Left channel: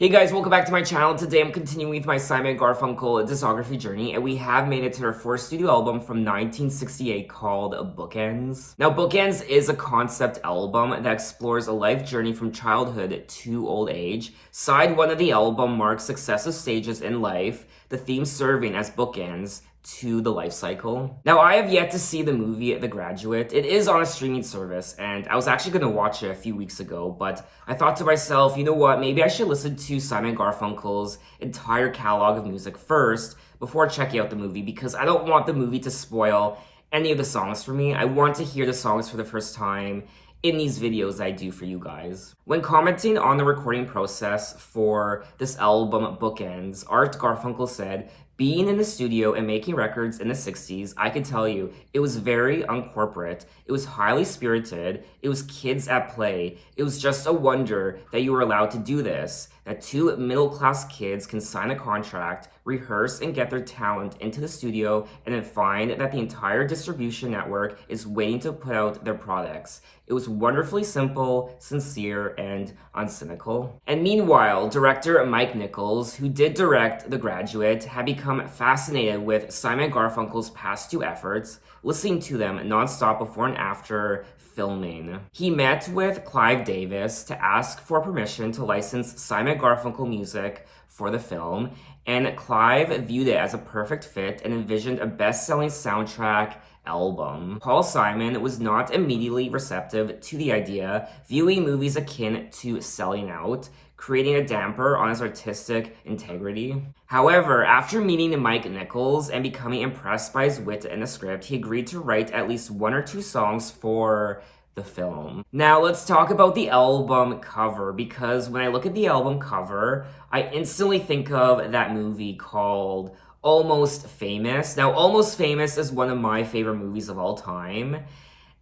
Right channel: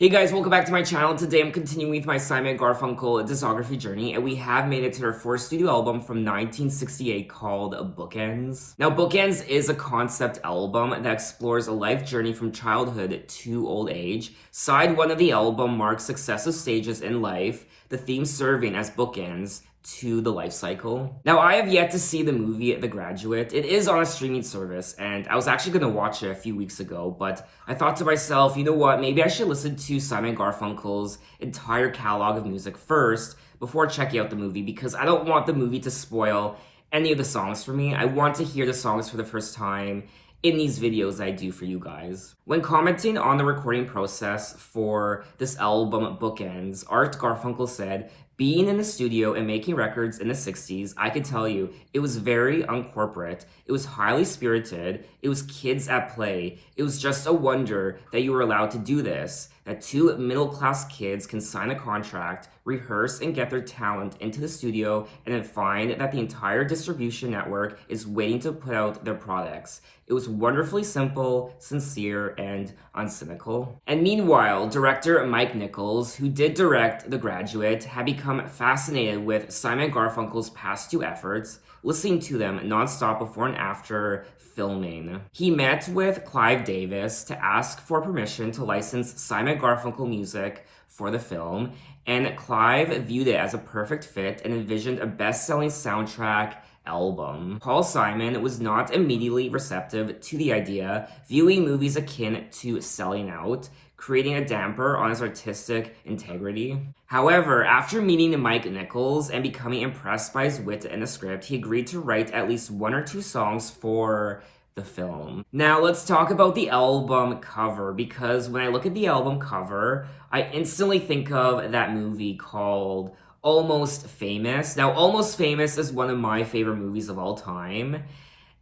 Hey guys, welcome back to my channel. Today I'm continuing with my Simon Garfunkel discography journey, and we have made it to their fourth studio album from 1968 called Bookends. Now, Bookends is a concept album that explores a life journey from childhood to old age. Side 1 of the album marks successive stages in life, the theme serving as bookends to the life cycle. Now, I have yet to see the movie The Graduate. It is on a streaming service, and I was actually going to watch it a few weeks ago, but I thought to myself, you know what, maybe I should listen to Simon Garfunkel's entire catalog of music first before checking out the movie, because I don't want the movie to spoil any of the songs for me. I want to hear the songs for the first time in these videos I do for you guys. When commenting on the recording process for this album, Bookends, Art Garfunkel said, "Being in the studio and making records in the 60s, I can tell you, it was very uncorporate. It was highly spirited. It was kids at play. It was just a wonder that you were allowed to do this, that two middle-class kids can sign a contract, rehearse and get their talent into the studio, and then find that the entire distribution network is waiting to put out their products. It was wonderfully simple, sincere, and uncynical." And meanwhile, director Mike Nichols, who did direct The Graduate, had become fascinated with Simon Garfunkel's past two efforts, listening to them nonstop before and after filming. He met with Clive Davis to ask for permission to license Simon Garfunkel music for the film, and Clive viewed it as a perfect fit and envisioned a best-selling soundtrack album. Paul Simon was not immediately receptive to the idea, viewing movies akin to selling out, creating a damper on his artistic integrity. However, after meeting Mike Nichols and becoming impressed by his wit and the script, he agreed to write at least one or two songs for the film. Now let's talk about the album cover, because when I look at the album cover, I instantly think of that movie called Almost Famous. Now, Almost Famous is one of my favorite movies of all time,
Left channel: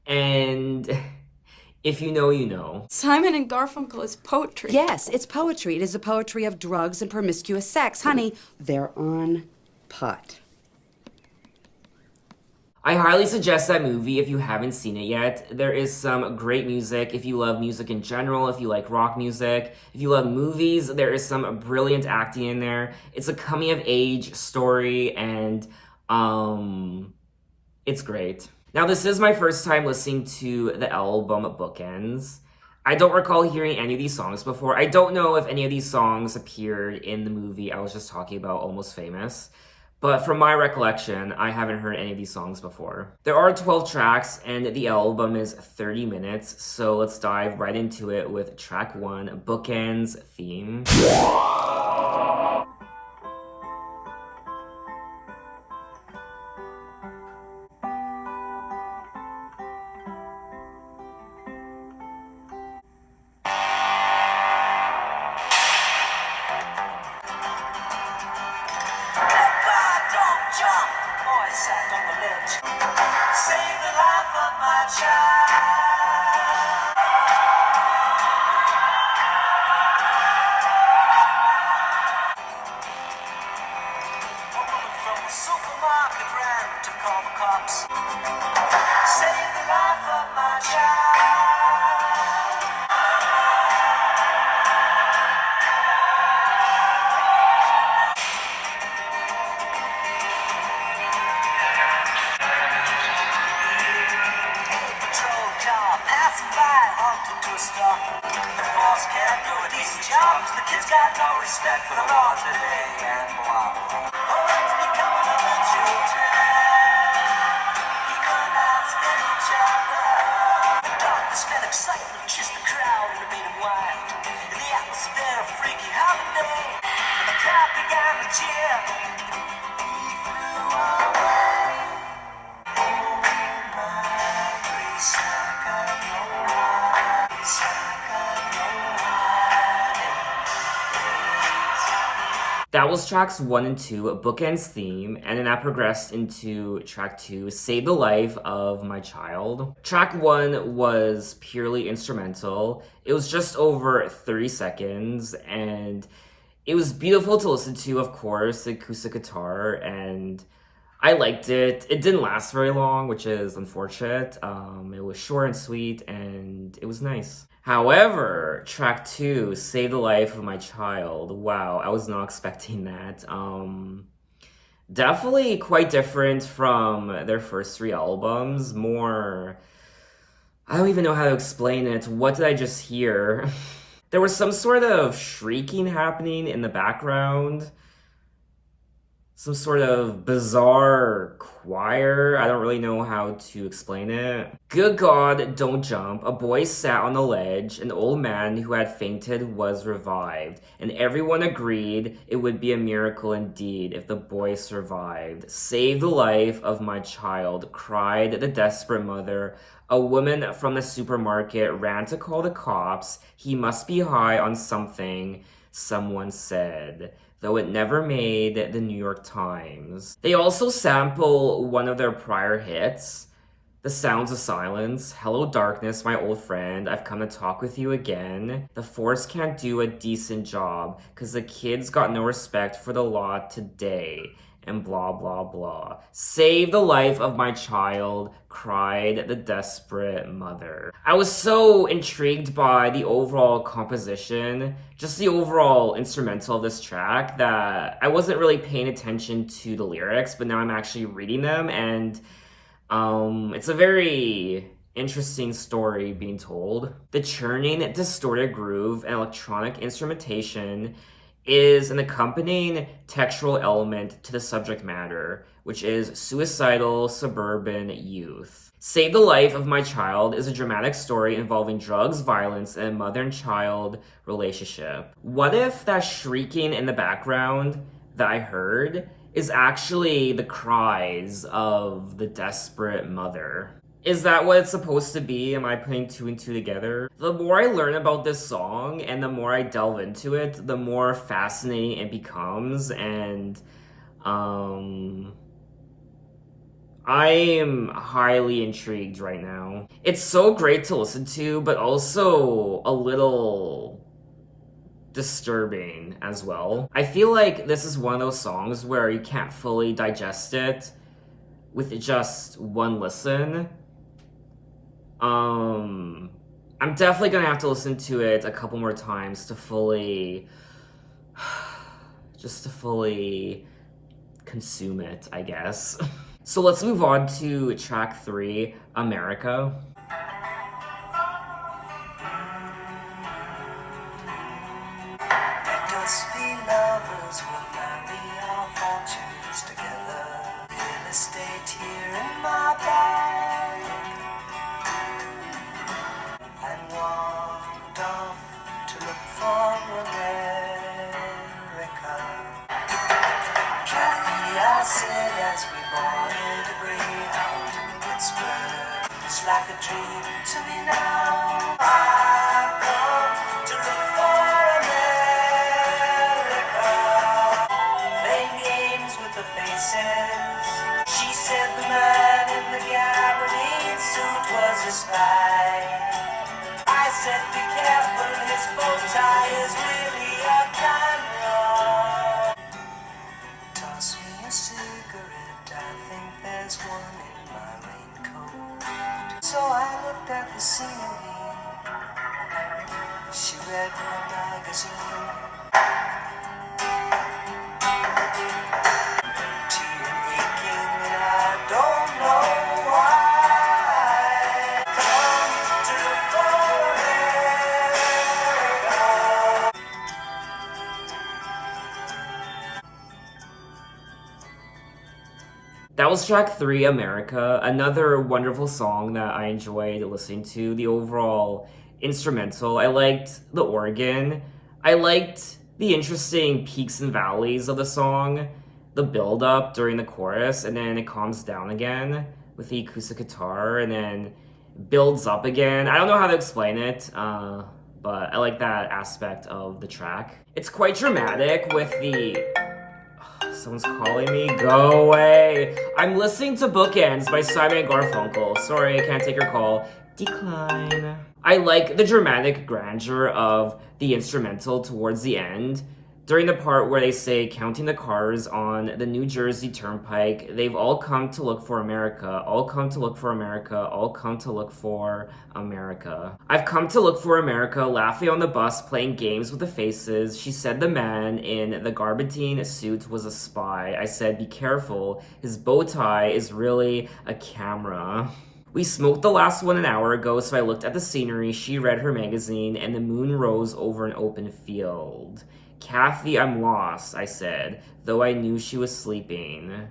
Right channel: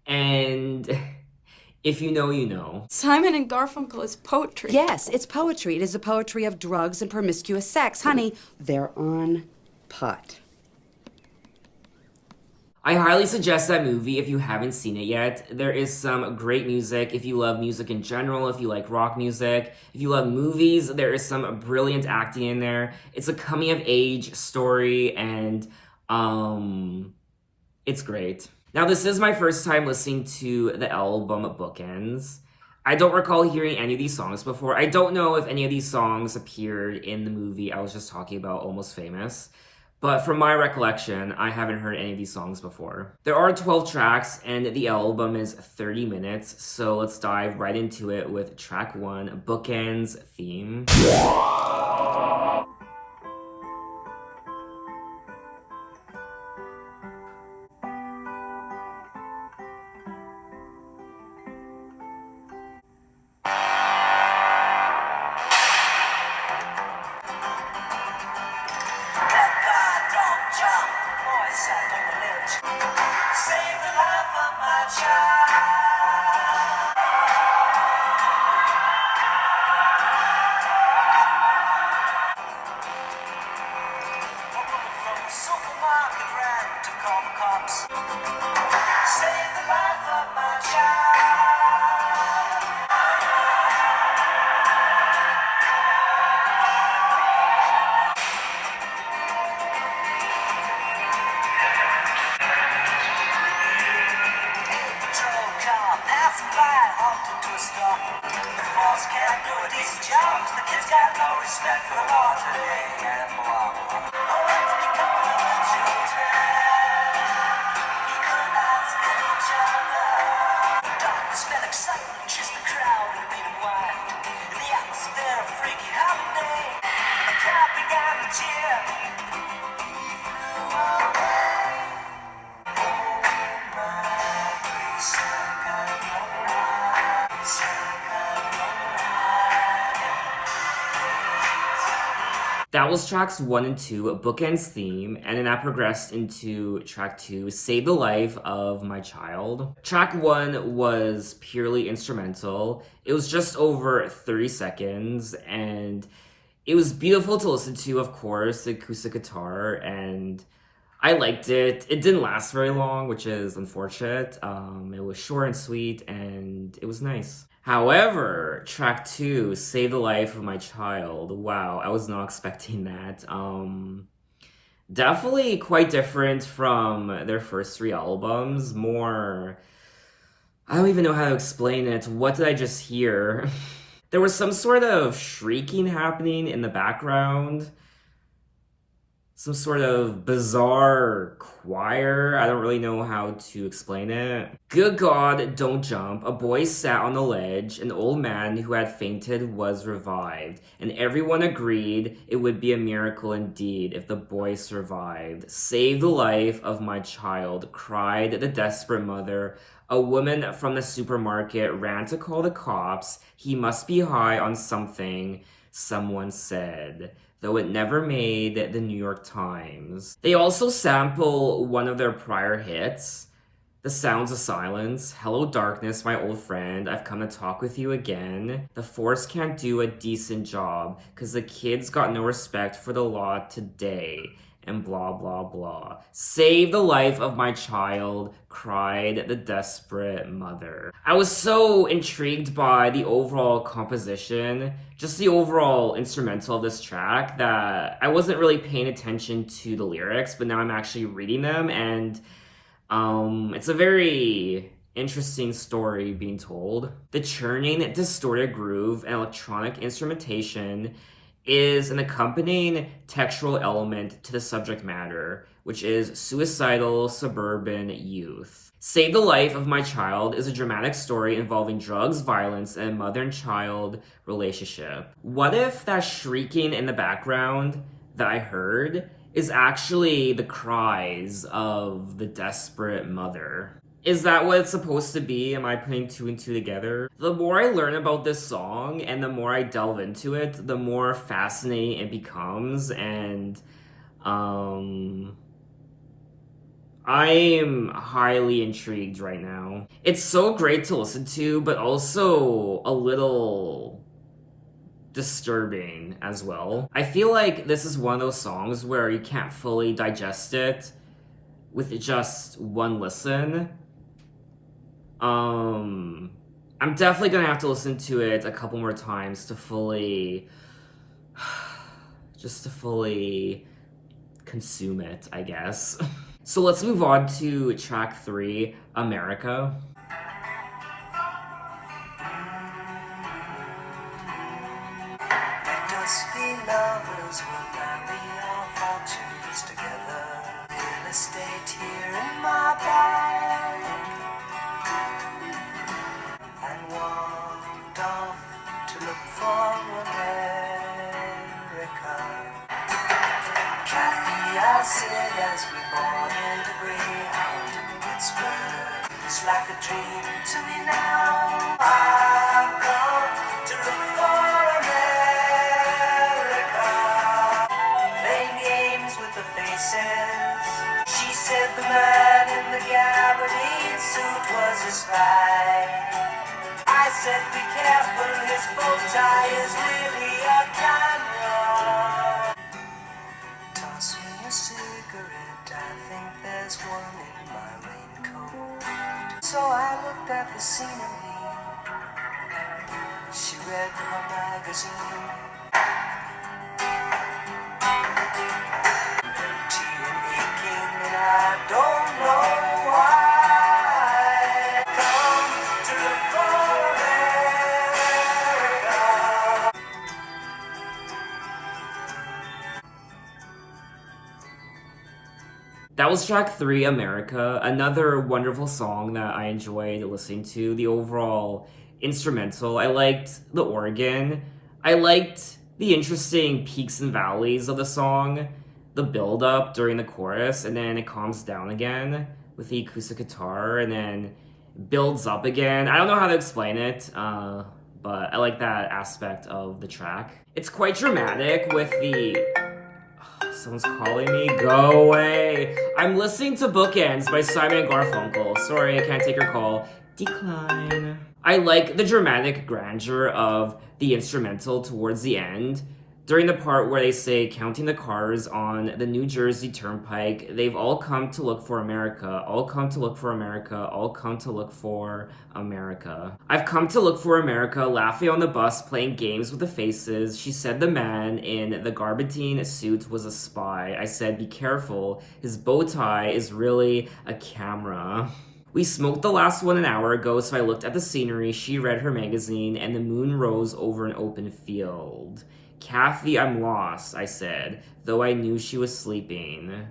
and if you know, you know. Simon and Garfunkel is poetry. Yes, it's poetry. It is the poetry of drugs and promiscuous sex. Honey, they're on pot. I highly suggest that movie if you haven't seen it yet. There is some great music if you love music in general, if you like rock music. If you love movies, there is some brilliant acting in there. It's a coming-of-age story, and it's great. Now, this is my first time listening to the album Bookends. I don't recall hearing any of these songs before. I don't know if any of these songs appeared in the movie I was just talking about, Almost Famous. But from my recollection, I haven't heard any of these songs before. There are 12 tracks, and the album is 30 minutes, so let's dive right into it with track 1, Bookends Theme. Save the life of my child. From the supermarket ran to call the cops. Save the life of my child. The kids got no respect for the laws of A and Y. Oh, it's becoming the children. Even asking each other. The darkness felt excitement, just the crowd in red and white. In the atmosphere of freaky holiday, the crowd began to cheer. He flew away. Oh, my grace, I got no right. That was tracks 1 and 2, Bookends Theme, and then that progressed into track 2, Save the Life of My Child. Track 1 was purely instrumental. It was just over 30 seconds, and it was beautiful to listen to, of course, the acoustic guitar, and I liked it. It didn't last very long, which is unfortunate. It was short and sweet, and it was nice. However, track 2, Save the Life of My Child. Wow, I was not expecting that. Definitely quite different from their first 3 albums. More, I don't even know how to explain it. What did I just hear? There was some sort of shrieking happening in the background. Some sort of bizarre choir. I don't really know how to explain it. Good God, don't jump. A boy sat on the ledge. An old man who had fainted was revived. And everyone agreed it would be a miracle indeed if the boy survived. Save the life of my child, cried the desperate mother. A woman from the supermarket ran to call the cops. He must be high on something, someone said, though it never made the New York Times. They also sample one of their prior hits, The Sounds of Silence, Hello Darkness, my old friend, I've come to talk with you again. The force can't do a decent job, 'cause the kids got no respect for the law today. And blah, blah, blah. Save the life of my child, cried the desperate mother. I was so intrigued by the overall composition, just the overall instrumental of this track, that I wasn't really paying attention to the lyrics, but now I'm actually reading them, and it's a very interesting story being told. The churning, distorted groove and electronic instrumentation is an accompanying textual element to the subject matter, which is suicidal suburban youth. Save the Life of My Child is a dramatic story involving drugs, violence, and a mother and child relationship. What if that shrieking in the background that I heard is actually the cries of the desperate mother? Is that what it's supposed to be? Am I putting 2 and 2 together? The more I learn about this song and the more I delve into it, the more fascinating it becomes, and I am highly intrigued right now. It's so great to listen to, but also a little disturbing as well. I feel like this is one of those songs where you can't fully digest it with just one listen. I'm definitely gonna have to listen to it a couple more times to fully consume it, I guess. So let's move on to track 3, America. Let us be lovers, we'll marry our fortunes together. Real estate here in my bag, and walked off to look for America. Cathy, I said as we boarded a Greyhound in Pittsburgh, it's like a dream to me now. I've come to look for America, playing games with the faces. She said the man in the gabardine suit was a spy. I said be careful, his bow tie is really a camera. Toss me a cigarette, I think there's one in my raincoat. So I looked at the scenery, she read her magazine. Empty and aching, and I don't know why. Come to look for America. That was track 3, America, another wonderful song that I enjoyed listening to. The overall instrumental, I liked the organ, I liked the interesting peaks and valleys of the song, the build up during the chorus, and then it calms down again with the acoustic guitar, and then builds up again. I don't know how to explain it, but I like that aspect of the track. It's quite dramatic with the... Someone's calling me. Go away. I'm listening to Bookends by Simon Garfunkel. Sorry, I can't take your call. Decline. I like the dramatic grandeur of the instrumental towards the end, During the part where they say counting the cars on the New Jersey Turnpike, they've all come to look for America, all come to look for America, all come to look for America. I've come to look for America, laughing on the bus, playing games with the faces. She said the man in the garbadine suit was a spy. I said, be careful, his bow tie is really a camera. We smoked the last one an hour ago, so I looked at the scenery, she read her magazine, and the moon rose over an open field. Cathy, I'm lost, I said, though I knew she was sleeping.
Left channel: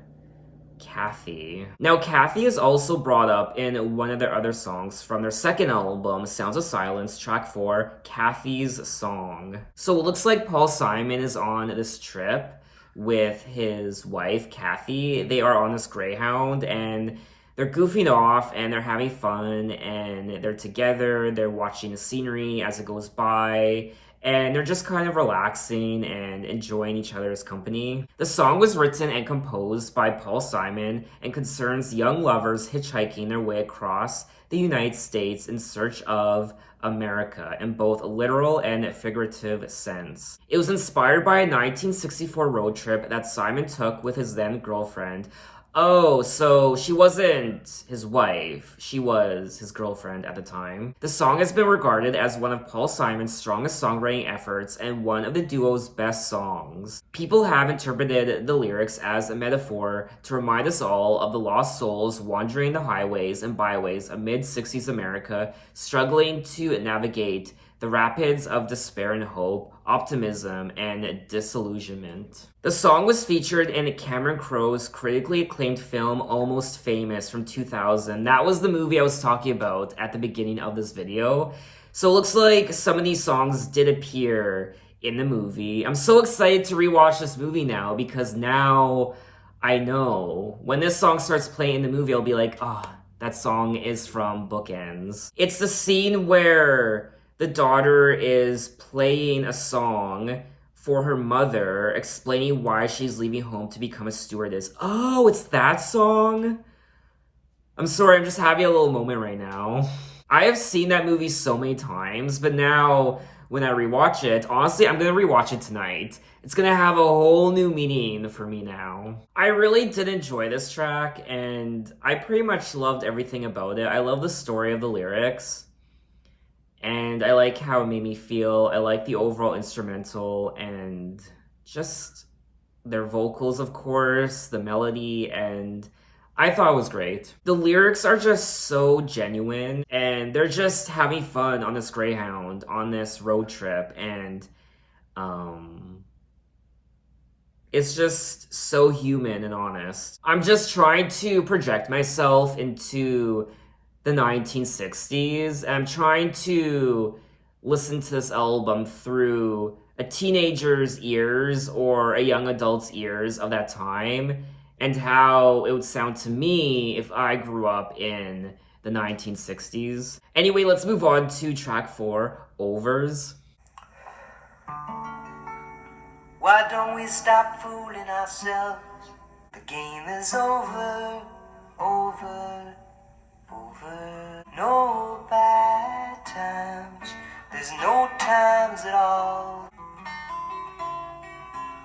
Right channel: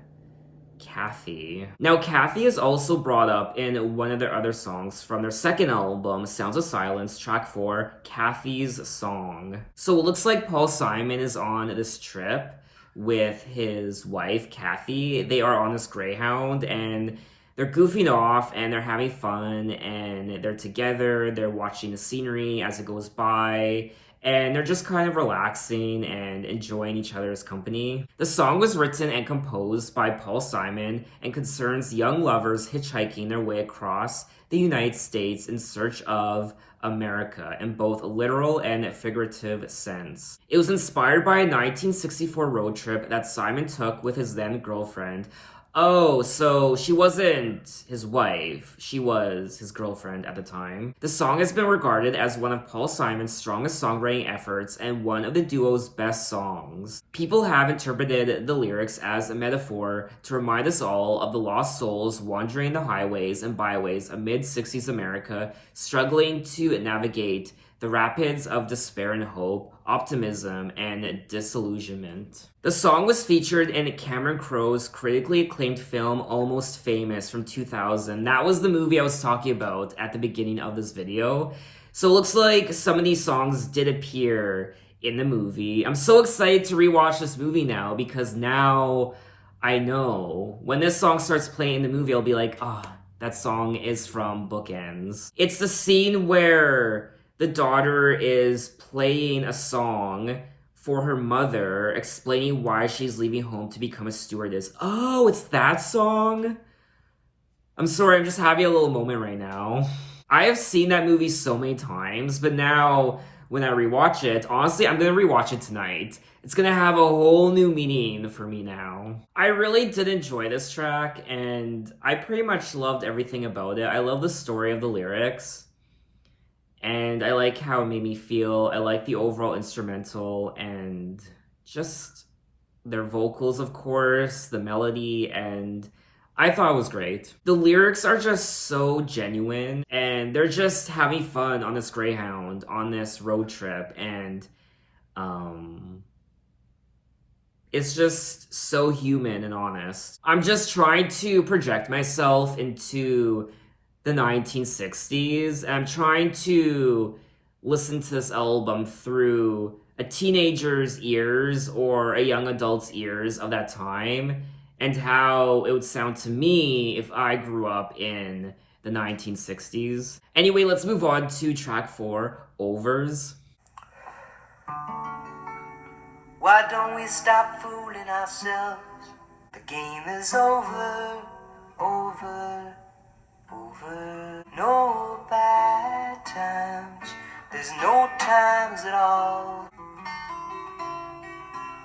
Cathy. Now, Cathy is also brought up in one of their other songs from their second album, Sounds of Silence, track 4, Cathy's Song. So it looks like Paul Simon is on this trip with his wife, Cathy. They are on this Greyhound, and they're goofing off, and they're having fun, and they're together, they're watching the scenery as it goes by, and they're just kind of relaxing and enjoying each other's company. The song was written and composed by Paul Simon and concerns young lovers hitchhiking their way across the United States in search of America in both a literal and figurative sense. It was inspired by a 1964 road trip that Simon took with his then girlfriend. Oh, so she wasn't his wife, she was his girlfriend at the time. The song has been regarded as one of Paul Simon's strongest songwriting efforts and one of the duo's best songs. People have interpreted the lyrics as a metaphor to remind us all of the lost souls wandering the highways and byways of mid-60s America, struggling to navigate the rapids of despair and hope, optimism, and disillusionment. The song was featured in Cameron Crowe's critically acclaimed film Almost Famous from 2000. That was the movie I was talking about at the beginning of this video. So it looks like some of these songs did appear in the movie. I'm so excited to rewatch this movie now because now I know when this song starts playing in the movie, I'll be like, that song is from Bookends. It's the scene where the daughter is playing a song for her mother, explaining why she's leaving home to become a stewardess. Oh, it's that song? I'm sorry, I'm just having a little moment right now. I have seen that movie so many times, but now when I rewatch it, honestly, I'm gonna rewatch it tonight. It's gonna have a whole new meaning for me now. I really did enjoy this track, and I pretty much loved everything about it. I love the story of the lyrics. And I like how it made me feel. I like the overall instrumental and just their vocals, of course, the melody, and I thought it was great. The lyrics are just so genuine, and they're just having fun on this Greyhound, on this road trip, and it's just so human and honest. I'm just trying to project myself into the 1960s. I'm trying to listen to this album through a teenager's ears or a young adult's ears of that time and how it would sound to me if I grew up in the 1960s. Anyway, let's move on to track 4, Overs. Why don't we stop fooling ourselves? The game is over, over. No bad times, there's no times at all.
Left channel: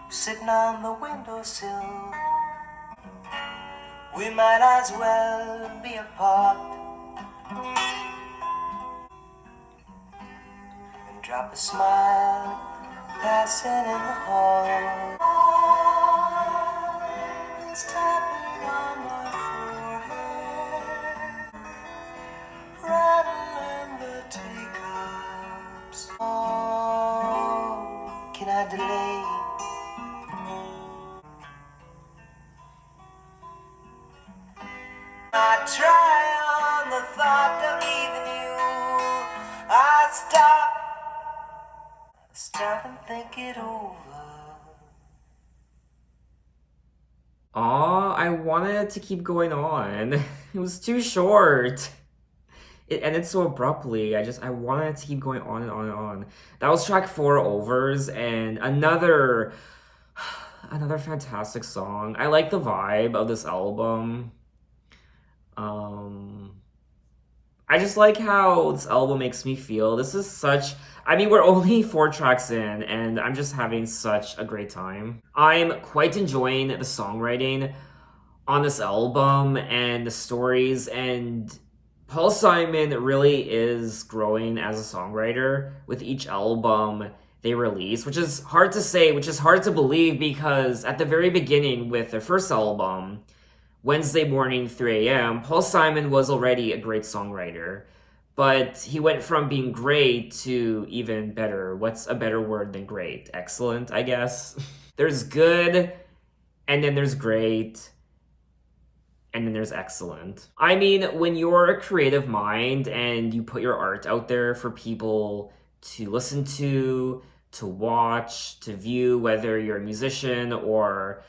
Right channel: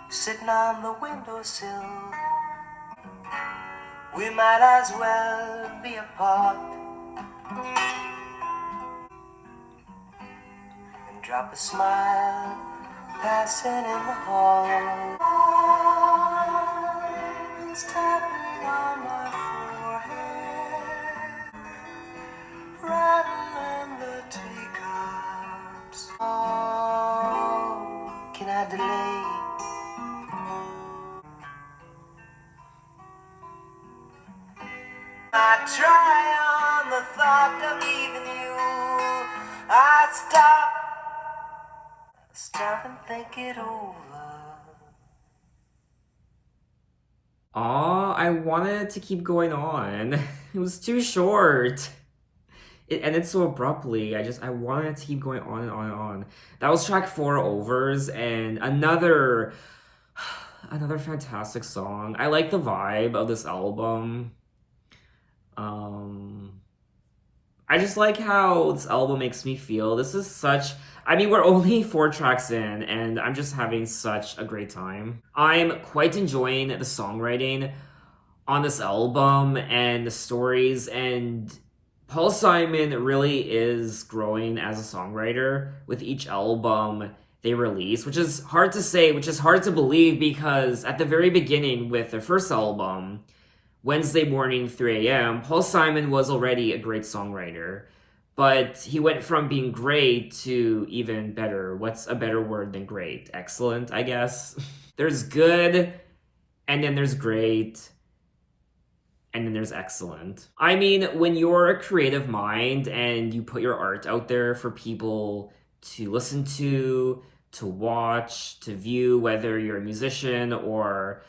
Sitting on the windowsill, we might as well be apart and drop a smile passing in the hall. It's tapping on my forehead, rattling the teacups. Oh, can I delay? I try on the thought of leaving you. I stop and think it over. Aw, I wanted to keep going on. It was too short. It ended so abruptly. I wanted to keep going on and on and on. That was track 4, Overs, and another fantastic song. I like the vibe of this album. I just like how this album makes me feel. This is such... I mean, we're only 4 tracks in, and I'm just having such a great time. I'm quite enjoying the songwriting on this album and the stories, and Paul Simon really is growing as a songwriter with each album they release, which is hard to say, which is hard to believe, because at the very beginning with their first album, Wednesday Morning 3 a.m., Paul Simon was already a great songwriter, but he went from being great to even better. What's a better word than great? Excellent, I guess. There's good, and then there's great, and then there's excellent. I mean, when you're a creative mind and you put your art out there for people to listen to watch, to view, whether you're a musician or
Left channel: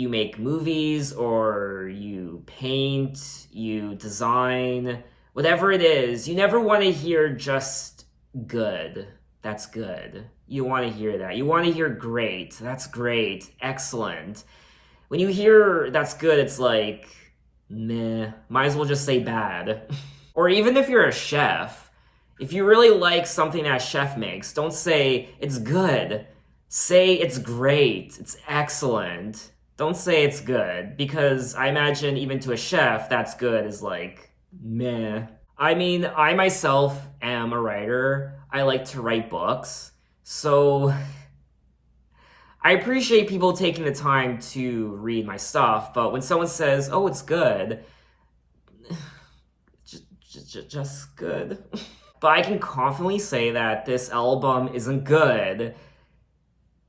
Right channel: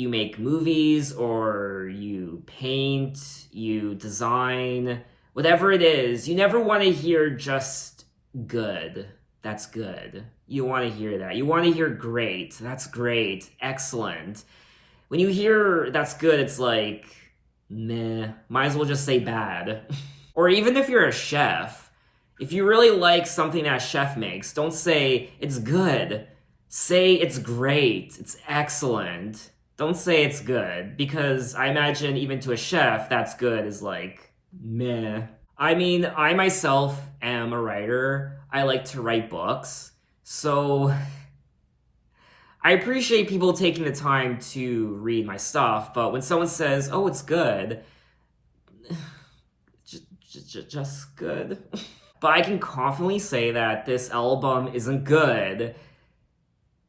you make movies or you paint, you design, whatever it is, you never want to hear just good. That's good. You want to hear that. You want to hear great. That's great. Excellent. When you hear that's good, it's like, meh. Might as well just say bad. Or even if you're a chef, if you really like something that a chef makes, don't say it's good. Say it's great. It's excellent. Don't say it's good, because I imagine even to a chef, that's good is like, meh. I mean, I myself am a writer. I like to write books. So I appreciate people taking the time to read my stuff, but when someone says, oh, it's good, just good. But I can confidently say that this album isn't good.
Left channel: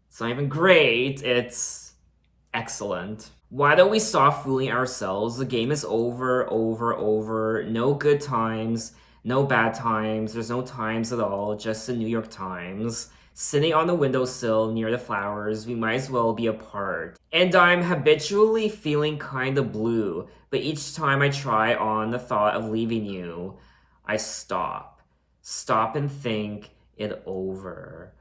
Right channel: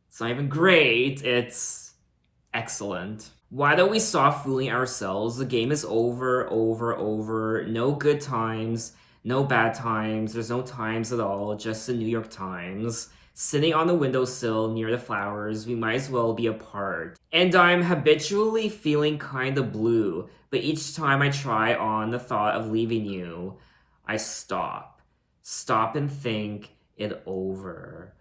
It's not even great. It's excellent. Why don't we stop fooling ourselves? The game is over. No good times, no bad times. There's no times at all, just the New York Times. Sitting on the windowsill near the flowers, we might as well be apart. And I'm habitually feeling kinda blue, but each time I try on the thought of leaving you, I stop. Stop and think it over.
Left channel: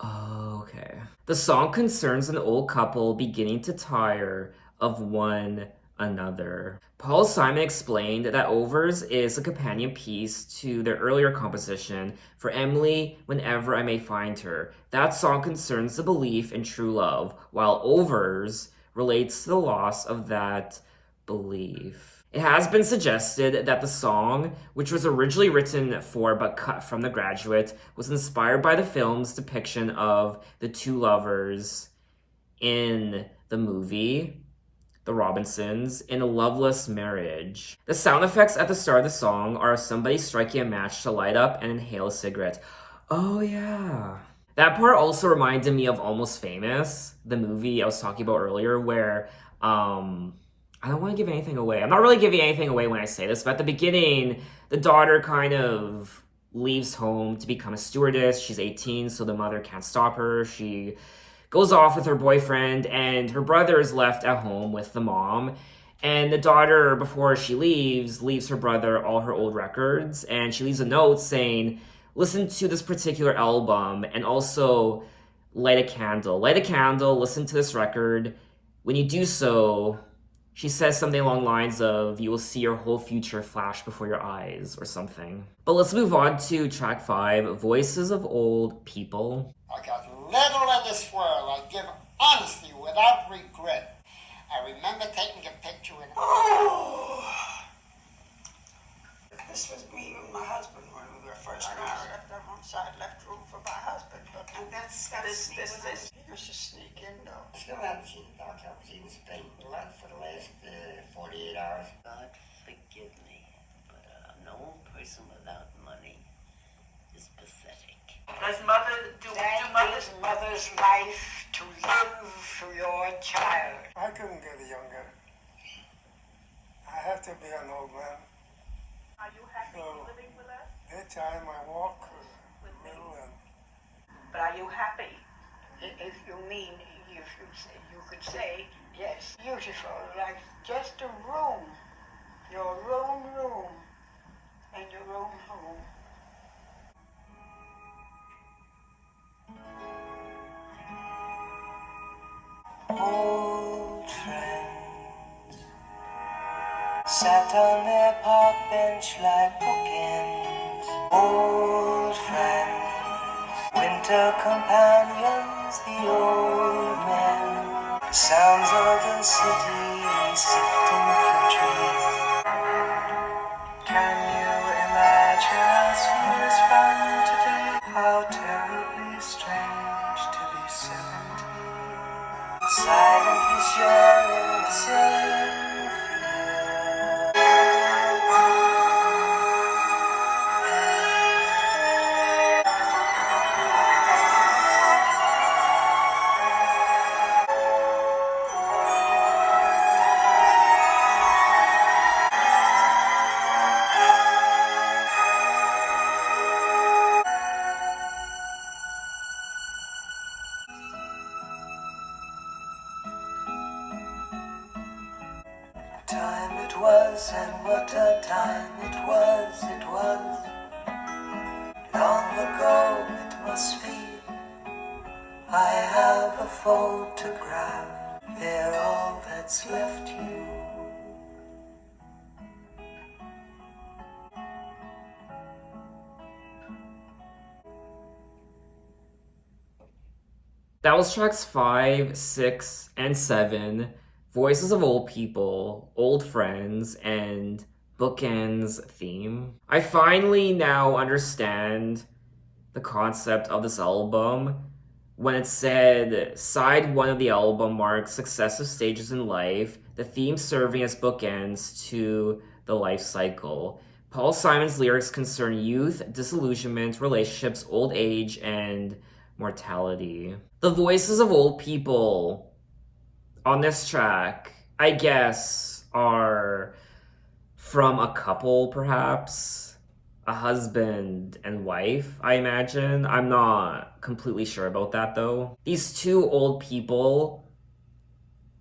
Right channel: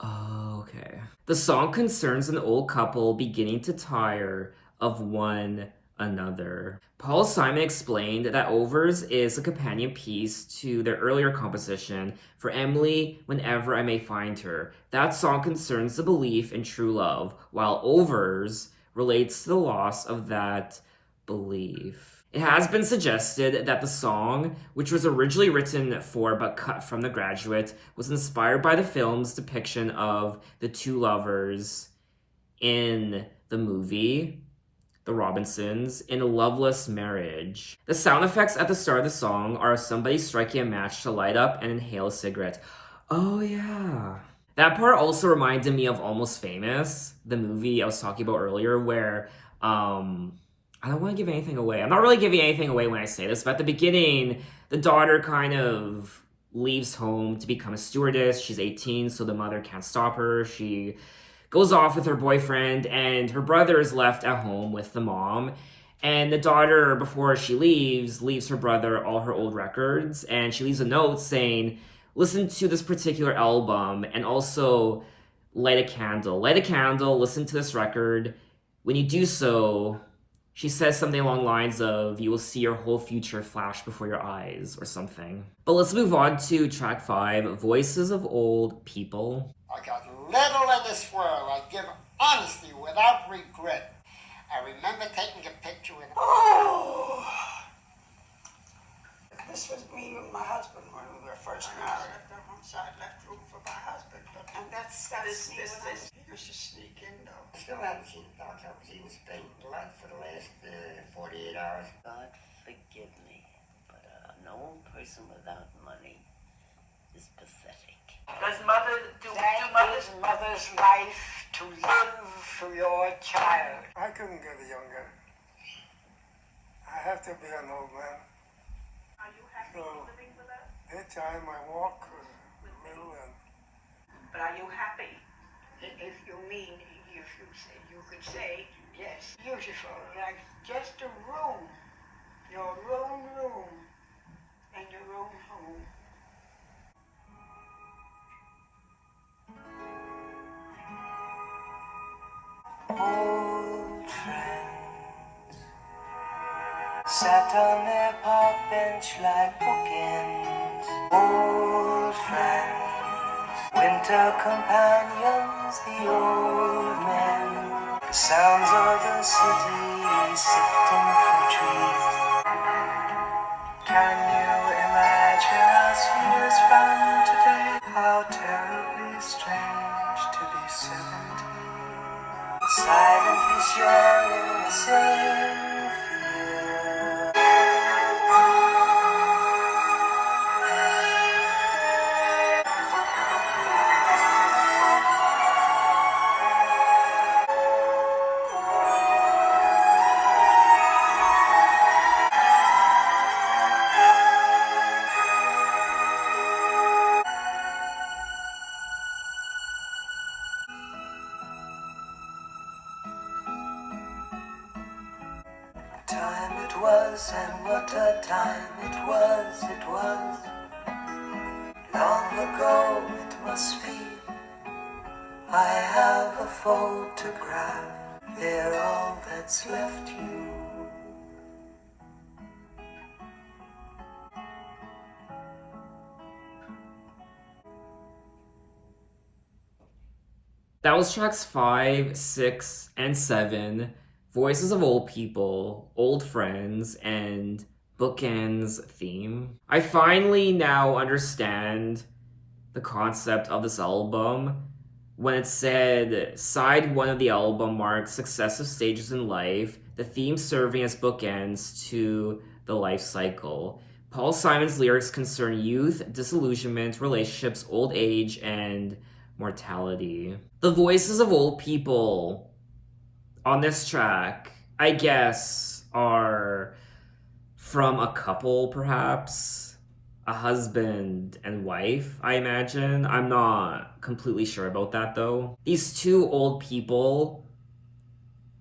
Oh, okay. The song concerns an old couple beginning to tire of one another. Paul Simon explained that Overs is a companion piece to their earlier composition, For Emily, Whenever I May Find Her. That song concerns the belief in true love, while Overs relates to the loss of that belief. It has been suggested that the song, which was originally written for but cut from The Graduate, was inspired by the film's depiction of the two lovers in the movie The Robinsons in a loveless marriage. The sound effects at the start of the song are somebody striking a match to light up and inhale a cigarette. Oh yeah. That part also reminded me of Almost Famous, the movie I was talking about earlier, where I don't want to give anything away. I'm not really giving anything away when I say this, but at the beginning, the daughter kind of leaves home to become a stewardess. She's 18, so the mother can't stop her. She goes off with her boyfriend, and her brother is left at home with the mom. And the daughter, before she leaves her brother all her old records, and she leaves a note saying, listen to this particular album, and also light a candle. Light a candle, listen to this record. When you do so, she says something along the lines of, you will see your whole future flash before your eyes, or something. But let's move on to track 5, Voices of Old People. I got little in this world. I give honesty without regret. I remember taking a picture with... Oh! This was me and my husband when we were first married. I left one side, left room for my husband. And that's this. He used to sneak in though. Still haven't seen the dog. I was in Spain for the last 48 hours. God forgive me, but a known person without money is pathetic. Does mother's life to live for your child? I couldn't get younger. I have to be an old man. Are you happy living with us? Anytime I walk a little and... But are you happy? If you mean, if you say, you could say, yes, beautiful, like just a room, your own room, and your own home. Old friends sat on their park bench like bookends. Old friends, winter companions, the old men. The sounds of the city sifting through trees. Can you imagine us years from today? How terribly strange to be 70. Silently sharing the same fear. Time it was, and what a time it was, long ago it must be. I have a photograph, they're all that's left you. That was tracks 5, 6, and 7. Voices of Old People, Old Friends, and Bookends theme. I finally now understand the concept of this album when it said side 1 of the album marks successive stages in life, the theme serving as bookends to the life cycle. Paul Simon's lyrics concern youth, disillusionment, relationships, old age, and mortality. The voices of old people on this track, I guess, are from a couple, perhaps. A husband and wife, I imagine. I'm not completely sure about that, though. These two old people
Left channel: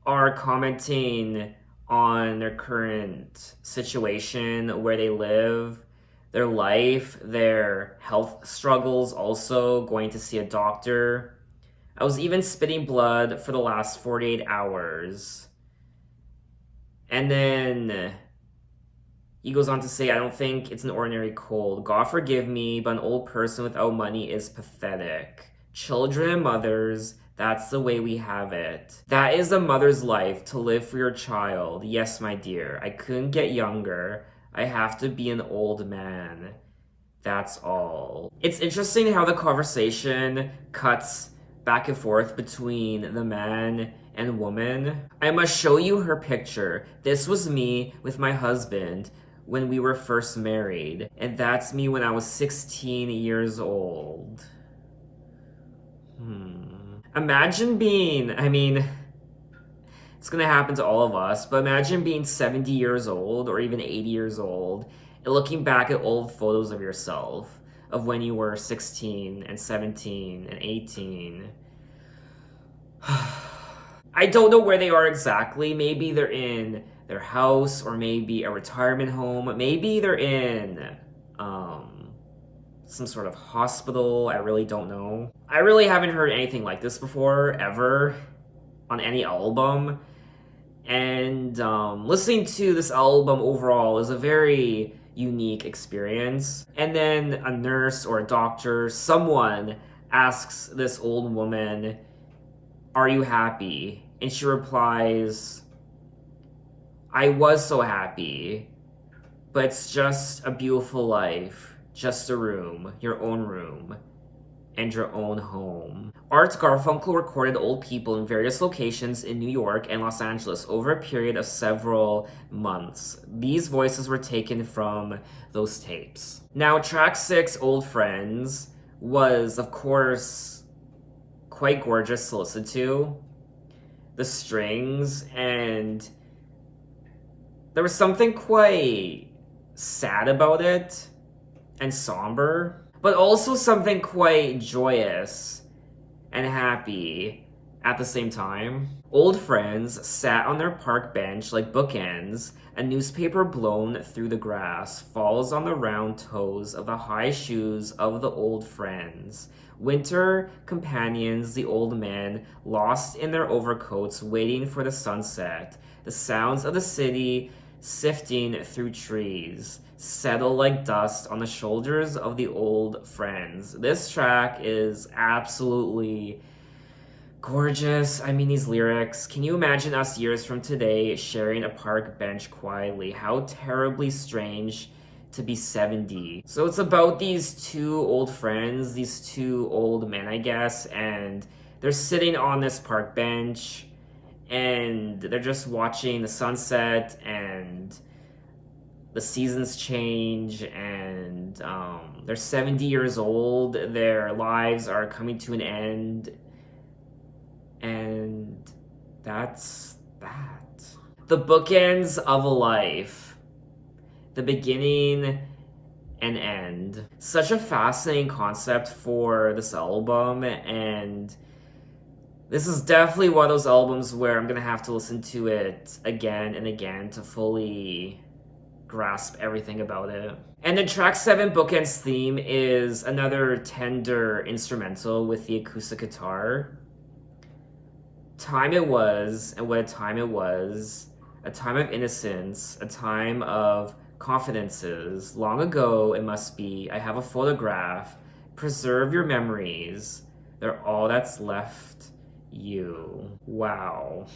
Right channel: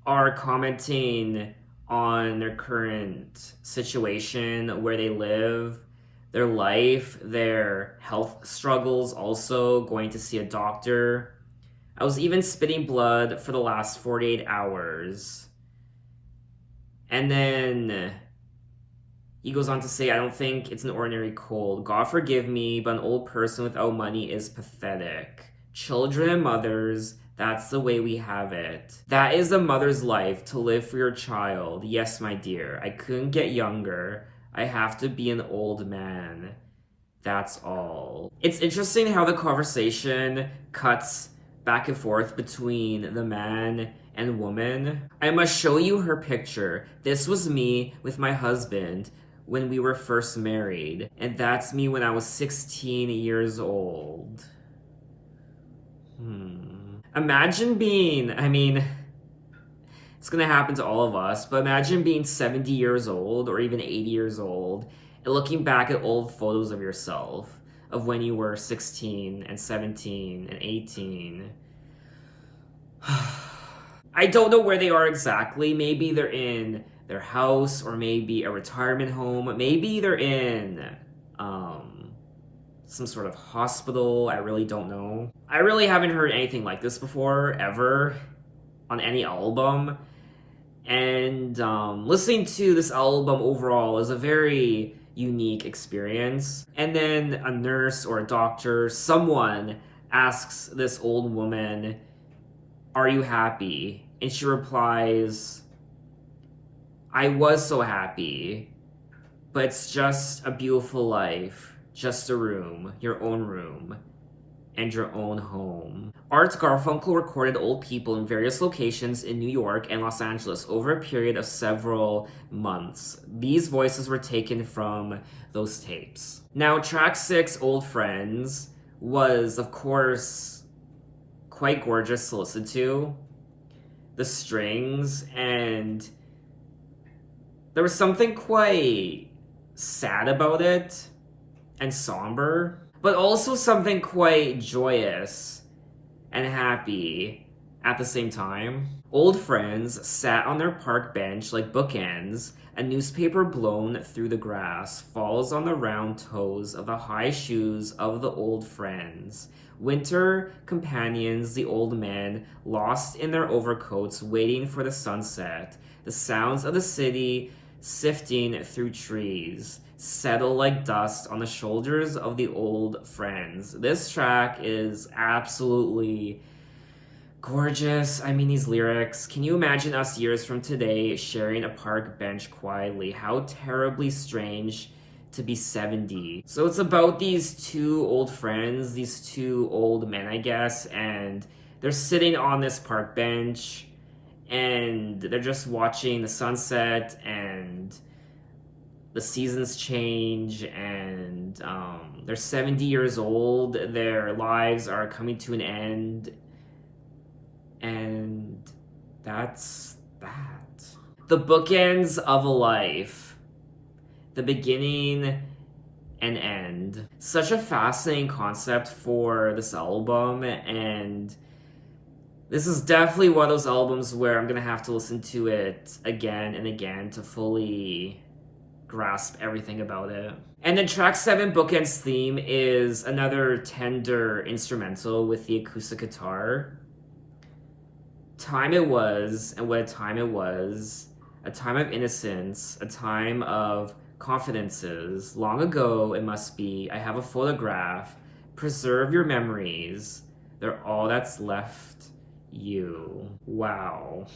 are commenting on their current situation, where they live, their life, their health struggles, also going to see a doctor. I was even spitting blood for the last 48 hours. And then he goes on to say, I don't think it's an ordinary cold. God forgive me, but an old person without money is pathetic. Children and mothers, that's the way we have it. That is a mother's life, to live for your child. Yes, my dear, I couldn't get younger. I have to be an old man. That's all. It's interesting how the conversation cuts back and forth between the man and woman. I must show you her picture. This was me with my husband when we were first married, and that's me when I was 16 years old. Imagine being, it's gonna happen to all of us, but imagine being 70 years old or even 80 years old and looking back at old photos of yourself of when you were 16 and 17 and 18. I don't know where they are exactly. Maybe they're in their house, or maybe a retirement home. Maybe they're in some sort of hospital. I really don't know. I really haven't heard anything like this before, ever, on any album. And listening to this album overall is a very unique experience. And then a nurse or a doctor, someone asks this old woman, "Are you happy?" And she replies, "I was so happy, but it's just a beautiful life. Just a room, your own room, and your own home." Art Garfunkel recorded Old People in various locations in New York and Los Angeles over a period of several months. These voices were taken from those tapes. Now, track 6, Old Friends, was, of course, quite gorgeous to listen to. The strings, and there was something quite sad about it and somber, but also something quite joyous and happy at the same time. Old friends sat on their park bench like bookends. A newspaper blown through the grass falls on the round toes of the high shoes of the old friends. Winter companions, the old men, lost in their overcoats, waiting for the sunset. The sounds of the city sifting through trees, settle like dust on the shoulders of the old friends. This track is absolutely gorgeous. I mean, these lyrics. Can you imagine us years from today sharing a park bench quietly? How terribly strange to be 70. So it's about these two old friends, these two old men, I guess, and they're sitting on this park bench and they're just watching the sunset and the seasons change, and they're 70 years old. Their lives are coming to an end, and that's that. The bookends of a life. The beginning and end. Such a fascinating concept for this album, and this is definitely one of those albums where I'm gonna have to listen to it again and again to fully grasp everything about it. And then track 7, Bookends theme, is another tender instrumental with the acoustic guitar. Time it was, and what a time it was. A time of innocence, a time of confidences. Long ago it must be. I have a photograph. Preserve your memories. They're all that's left you. Wow.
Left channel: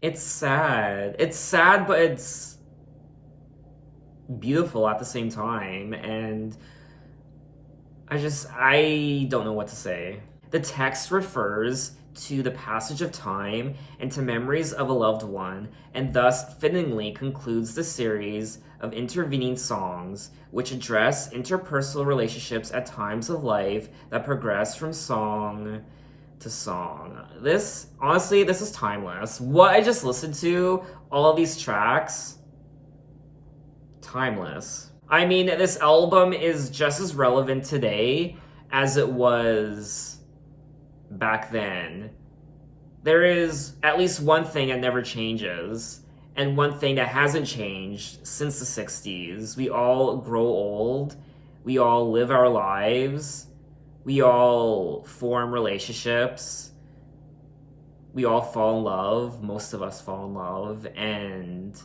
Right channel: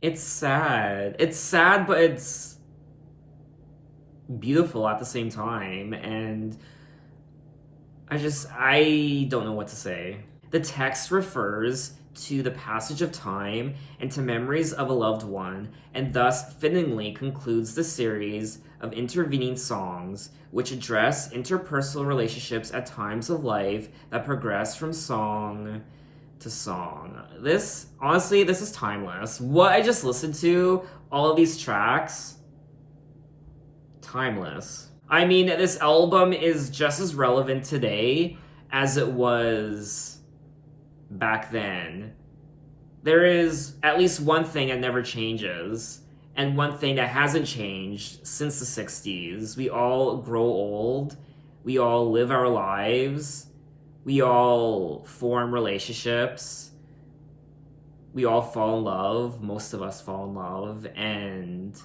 It's sad. It's sad, but it's beautiful at the same time. And I don't know what to say. The text refers to the passage of time and to memories of a loved one, and thus fittingly concludes the series of intervening songs which address interpersonal relationships at times of life that progress from song to song. This is timeless. What I just listened to, all of these tracks, timeless. I mean, this album is just as relevant today as it was back then. There is at least one thing that never changes, and one thing that hasn't changed since the 60s. We all grow old. We all live our lives. We all form relationships. We all fall in love. Most of us fall in love. And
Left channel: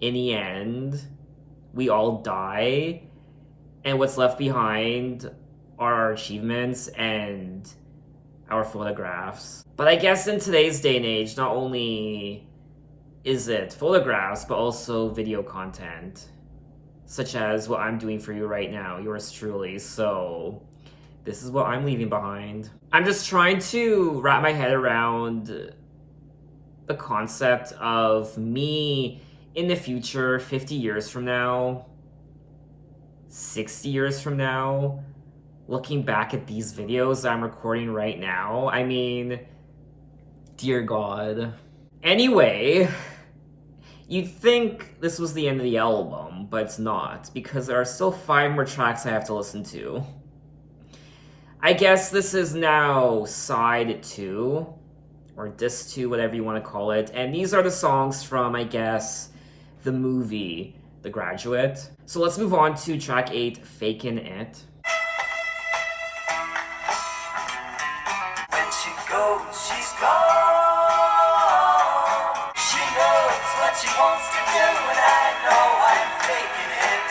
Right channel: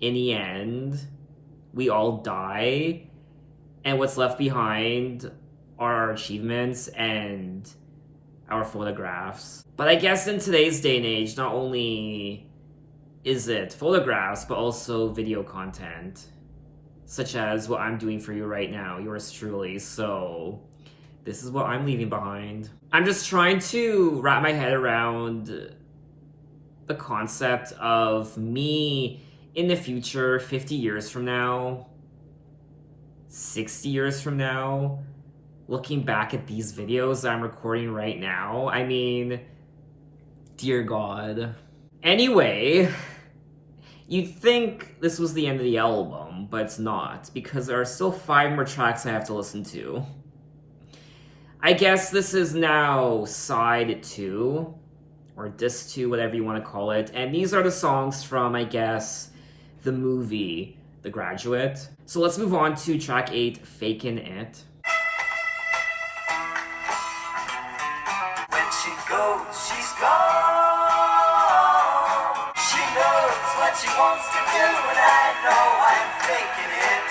in the end, we all die. And what's left behind are our achievements and our photographs. But I guess in today's day and age, not only is it photographs, but also video content, such as what I'm doing for you right now, yours truly. So this is what I'm leaving behind. I'm just trying to wrap my head around the concept of me in the future, 50 years from now, 60 years from now, looking back at these videos that I'm recording right now. I mean, dear God. Anyway, you'd think this was the end of the album, but it's not, because there are still 5 more tracks I have to listen to. I guess this is now side 2, or disc 2, whatever you want to call it, and these are the songs from, I guess, the movie The Graduate. So let's move on to track 8, Fakin' It. She goes, she's gone. She knows what she wants to do, and I know I'm faking it.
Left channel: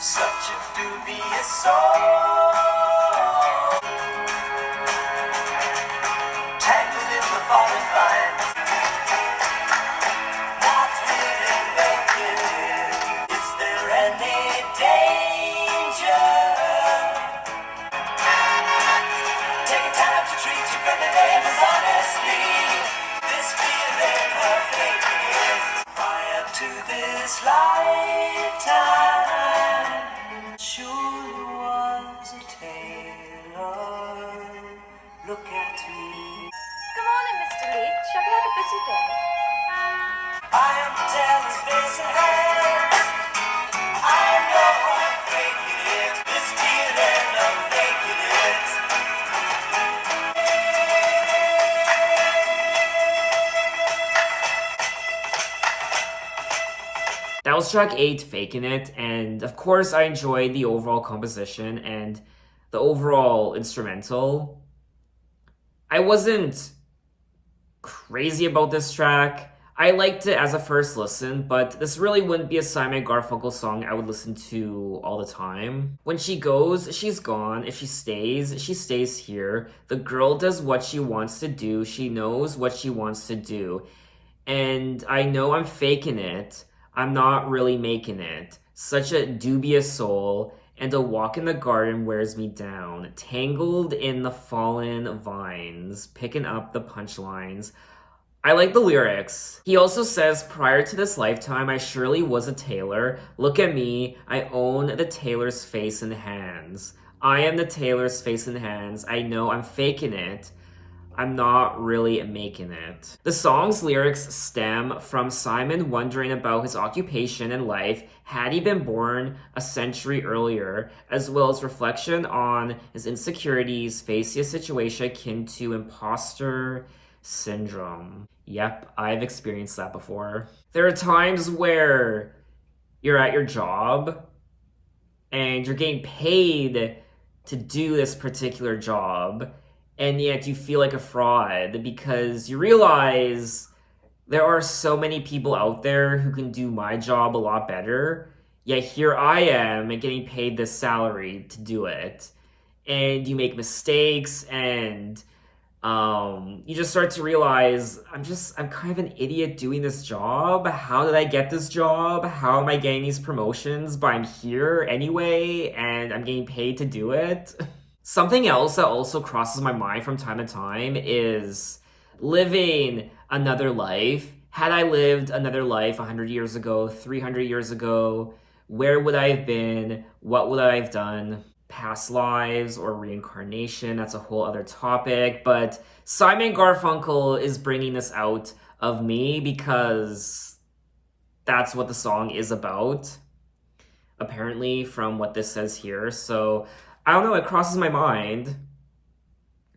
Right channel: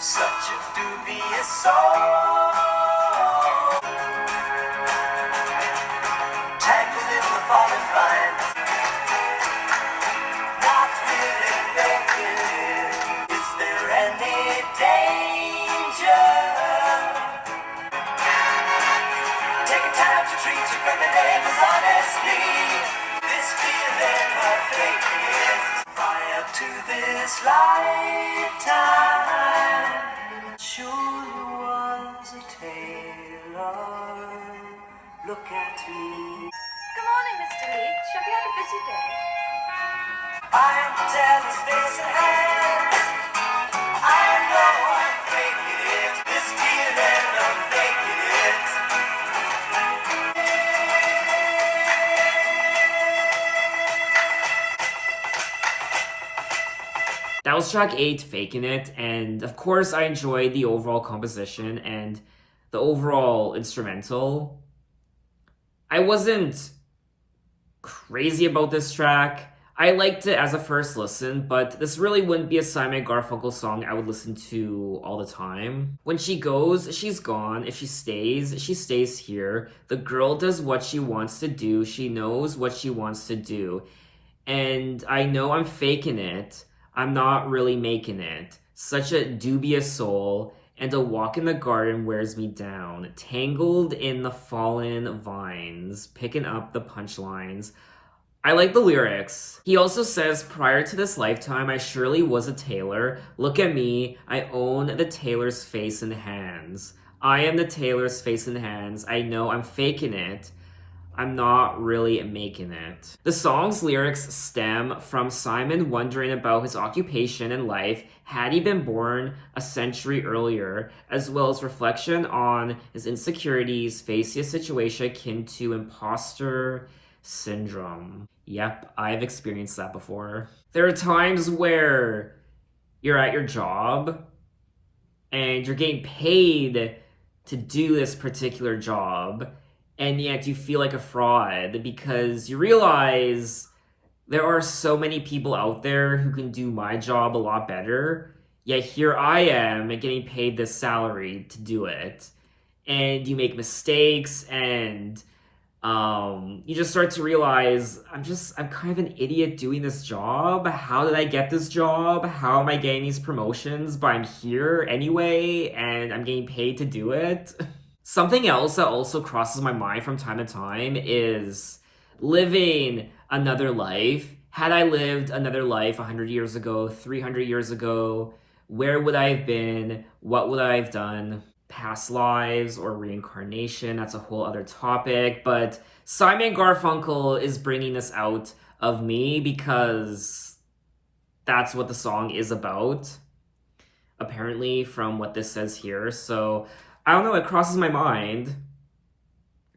Such a dubious soul, tangled in the falling vines, not really making it. Is there any danger? To treat you for the neighbors honestly. This feeling of faking it. Prior to this lifetime, sure was a tailor. Look at me. Good morning, Mr. Leach. Have you had a busy day? I am the tailor's face and hands. I know I'm faking it. This feeling of faking it. That was track 8, Fakin' It, and of course I enjoyed the overall composition and the overall instrumental. I wasn't crazy about this track. I liked it as a first listen, but this really wouldn't be a Simon Garfunkel song I would listen to all the time. When she goes, she's gone. If she stays here. The girl does what she wants to do. She knows what she wants to do. And I know I'm faking it. I'm not really making it. Such a dubious soul. And a walk in the garden wears me down. Tangled in the fallen vines. Picking up the punchlines. I like the lyrics. He also says, prior to this lifetime, I surely was a tailor. Look at me, I own the tailor's face and hands. I am the tailor's face and hands. I know I'm faking it. I'm not really making it. The song's lyrics stem from Simon wondering about his occupation in life had he been born a century earlier, as well as reflection on his insecurities facing a situation akin to imposter syndrome. Yep, I've experienced that before. There are times where you're at your job and you're getting paid to do this particular job, and yet you feel like a fraud because you realize there are so many people out there who can do my job a lot better, yet here I am getting paid this salary to do it. And you make mistakes, and you just start to realize I'm kind of an idiot doing this job. How did I get this job? How am I getting these promotions? But I'm here anyway, and I'm getting paid to do it. Something else that also crosses my mind from time to time is living another life. Had I lived another life 100 years ago, 300 years ago, where would I have been? What would I have done? Past lives or reincarnation, that's a whole other topic, but Simon Garfunkel is bringing this out of me because that's what the song is about, apparently, from what this says here. So I don't know, it crosses my mind.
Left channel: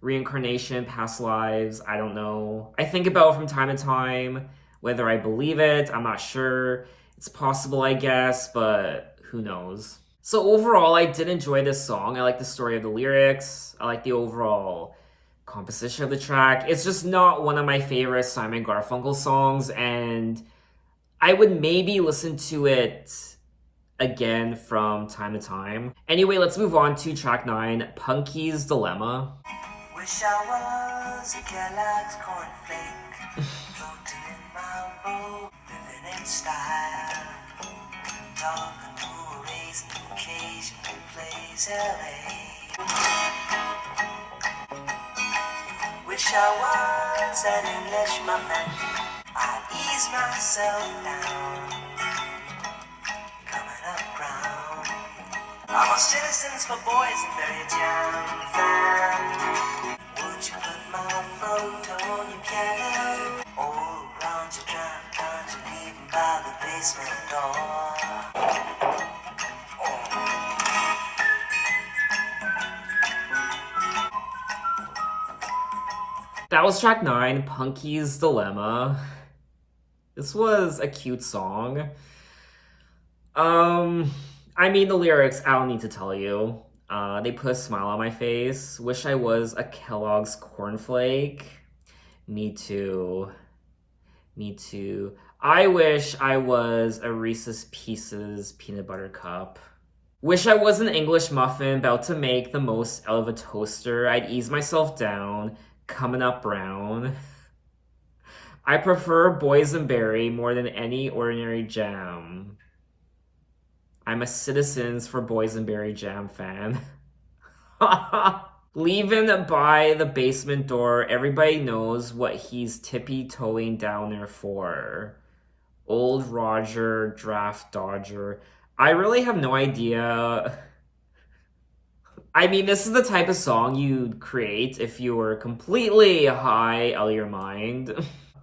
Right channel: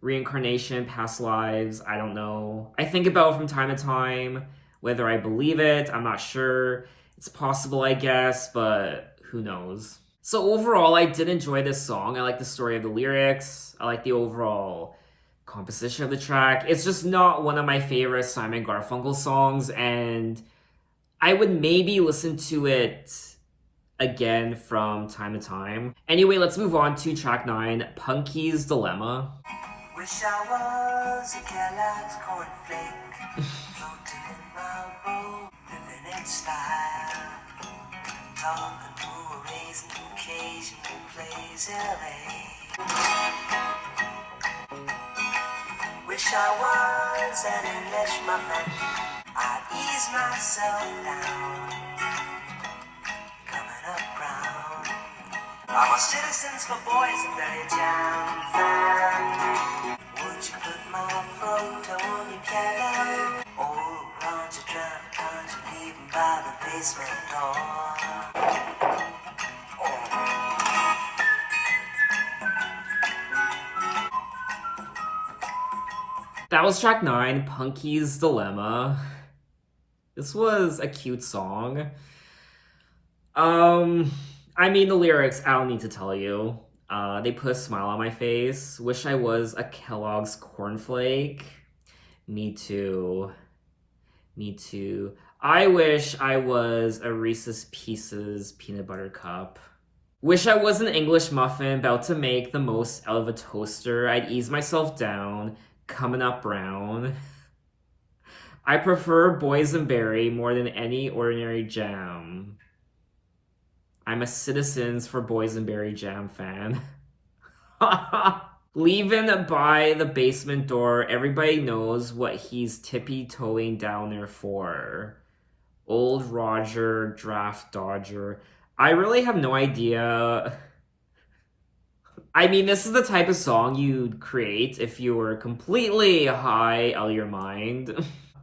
Reincarnation, past lives, I don't know. I think about it from time to time. Whether I believe it, I'm not sure. It's possible, I guess, but who knows. So overall, I did enjoy this song. I like the story of the lyrics. I like the overall composition of the track. It's just not one of my favorite Simon Garfunkel songs, and I would maybe listen to it again from time to time. Anyway, let's move on to track 9, Punky's Dilemma. Wish I was a Kellogg's cornflake, floating in my boat, living in style, talking to a raisin who occasionally plays LA. Wish I was an English muffin, I'd ease myself down, coming up brown. I'm a Citizens for Boys in Mary Town fan. Would you put my photo on your piano? Or around your drive times you leaving by the basement door? That was track 9, Punky's Dilemma. This was a cute song. I mean, the lyrics, I don't need to tell you. They put a smile on my face. Wish I was a Kellogg's cornflake. Me too. Me too. I wish I was a Reese's Pieces peanut butter cup. Wish I was an English muffin about to make the most out of a toaster. I'd ease myself down, coming up brown. I prefer boysenberry more than any ordinary jam. I'm a Citizens for Boysenberry Jam fan. Leaving by the basement door, everybody knows what he's tippy-toeing down there for. Old Roger, draft dodger. I really have no idea. I mean, this is the type of song you'd create if you were completely high out of your mind.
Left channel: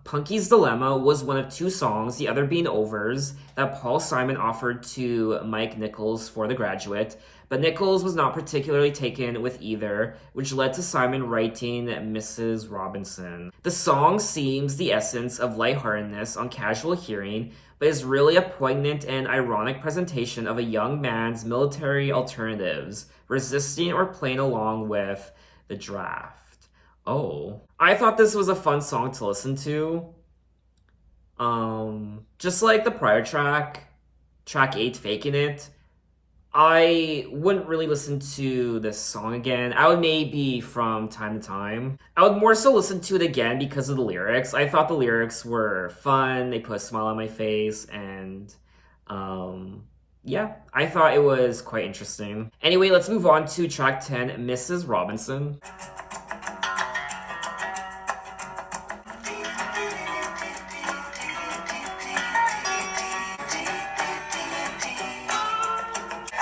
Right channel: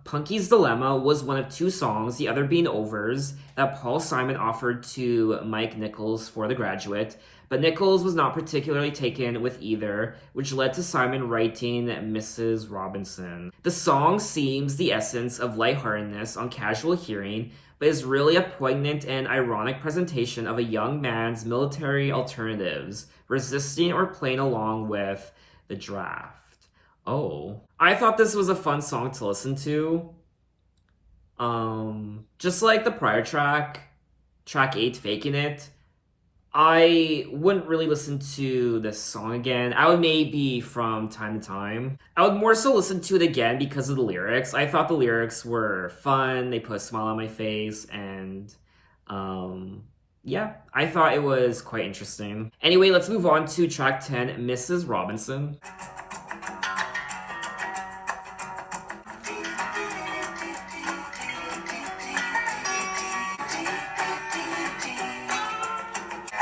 Punky's Dilemma was one of 2 songs, the other being Overs, that Paul Simon offered to Mike Nichols for The Graduate, but Nichols was not particularly taken with either, which led to Simon writing Mrs. Robinson. The song seems the essence of lightheartedness on casual hearing, but is really a poignant and ironic presentation of a young man's military alternatives, resisting or playing along with the draft. Oh. I thought this was a fun song to listen to. Just like the prior track, track 8, Faking It, I wouldn't really listen to this song again. I would maybe from time to time. I would more so listen to it again because of the lyrics. I thought the lyrics were fun, they put a smile on my face, and yeah, I thought it was quite interesting. Anyway, let's move on to track 10, Mrs. Robinson.